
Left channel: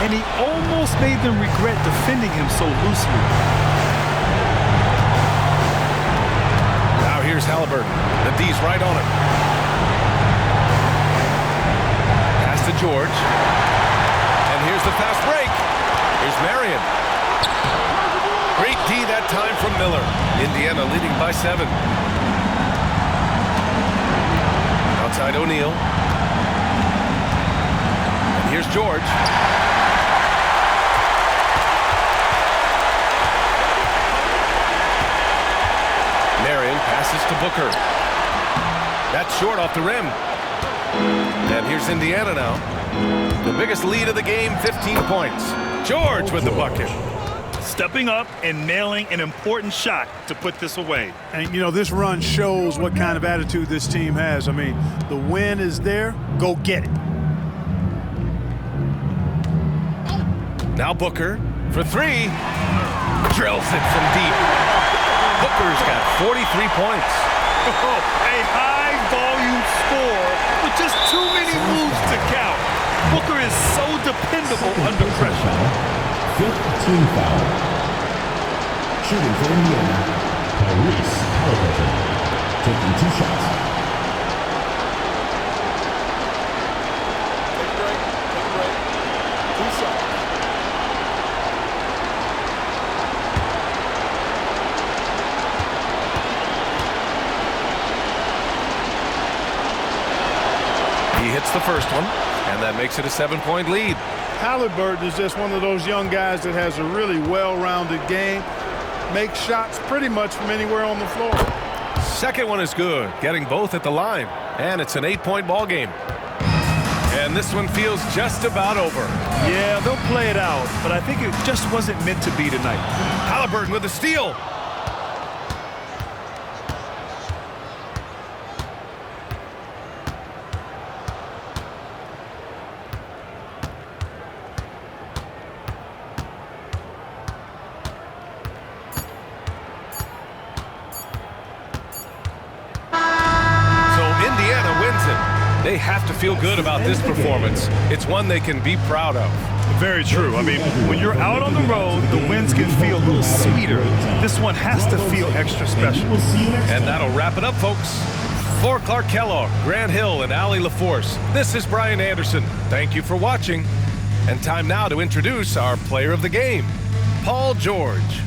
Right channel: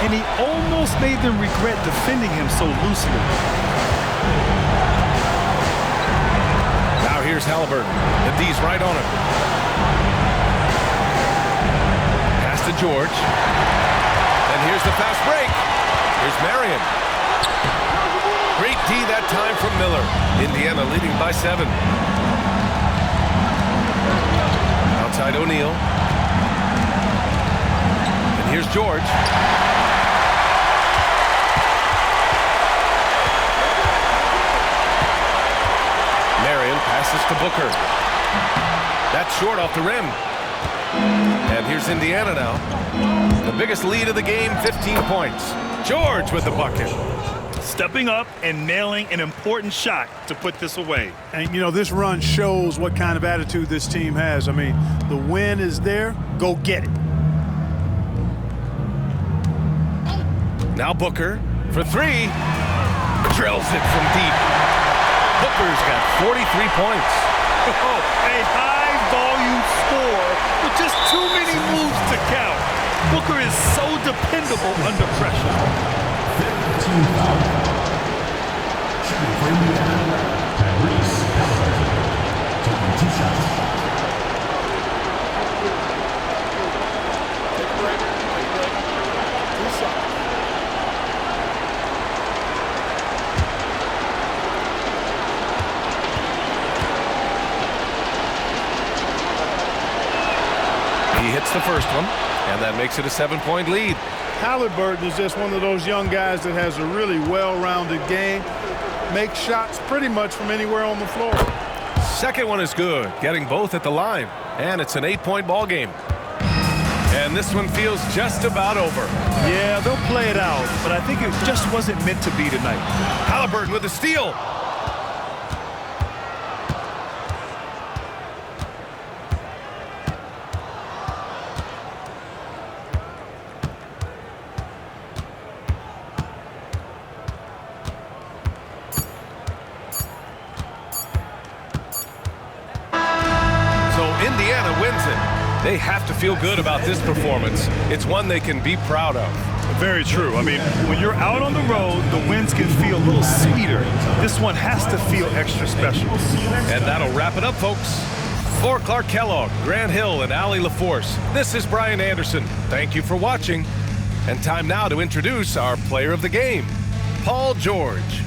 And he almost made them regret defending him so loosely. Now here's Halliburton. The D's right on him. Pass to George. And here's the fast break. Here's Marion. Great D that time from Miller. Indiana leading by 7. Outside O'Neal. And here's George. Marion passes to Booker. That's short off the rim. And here's Indiana now. The biggest lead of the game, 15 points. George with the bucket. Stepping up and nailing an important shot to put this away. And, you know, this run shows what kind of attitude this team has. I mean, the win is there. Go get it. Now Booker for 3. Drills it from deep. Booker's got 43 points. Oh, a high-volume score with just too many moves to count. Booker is so dependable under pressure. 15 foul. Shooting for Indiana, Tyrese Halliburton, taking 2 shots. Take a break. Take a break. 2 shots. He hits the first one, and that makes it a 7-point lead. Halliburton is just one of those young guys that has a really well-rounded game. Makes shots pretty much from anywhere on the floor. Second one is good, getting both at the line. And it's an 8-point ball game. And this one feels just about over. Yeah, they'll play it out, but I think it just wasn't meant to be tonight. Halliburton with the steal. Indiana wins it. They have to feel good about this performance. It's one they can be proud of. Very true. I mean, when you're out on the road, the wins can feel a little sweeter. This one has to feel extra special. And that'll wrap it up, folks. For Clark Kellogg, Grant Hill, and Allie LaForce, this is Brian Anderson. Thank you for watching. And time now to introduce our player of the game, Paul George.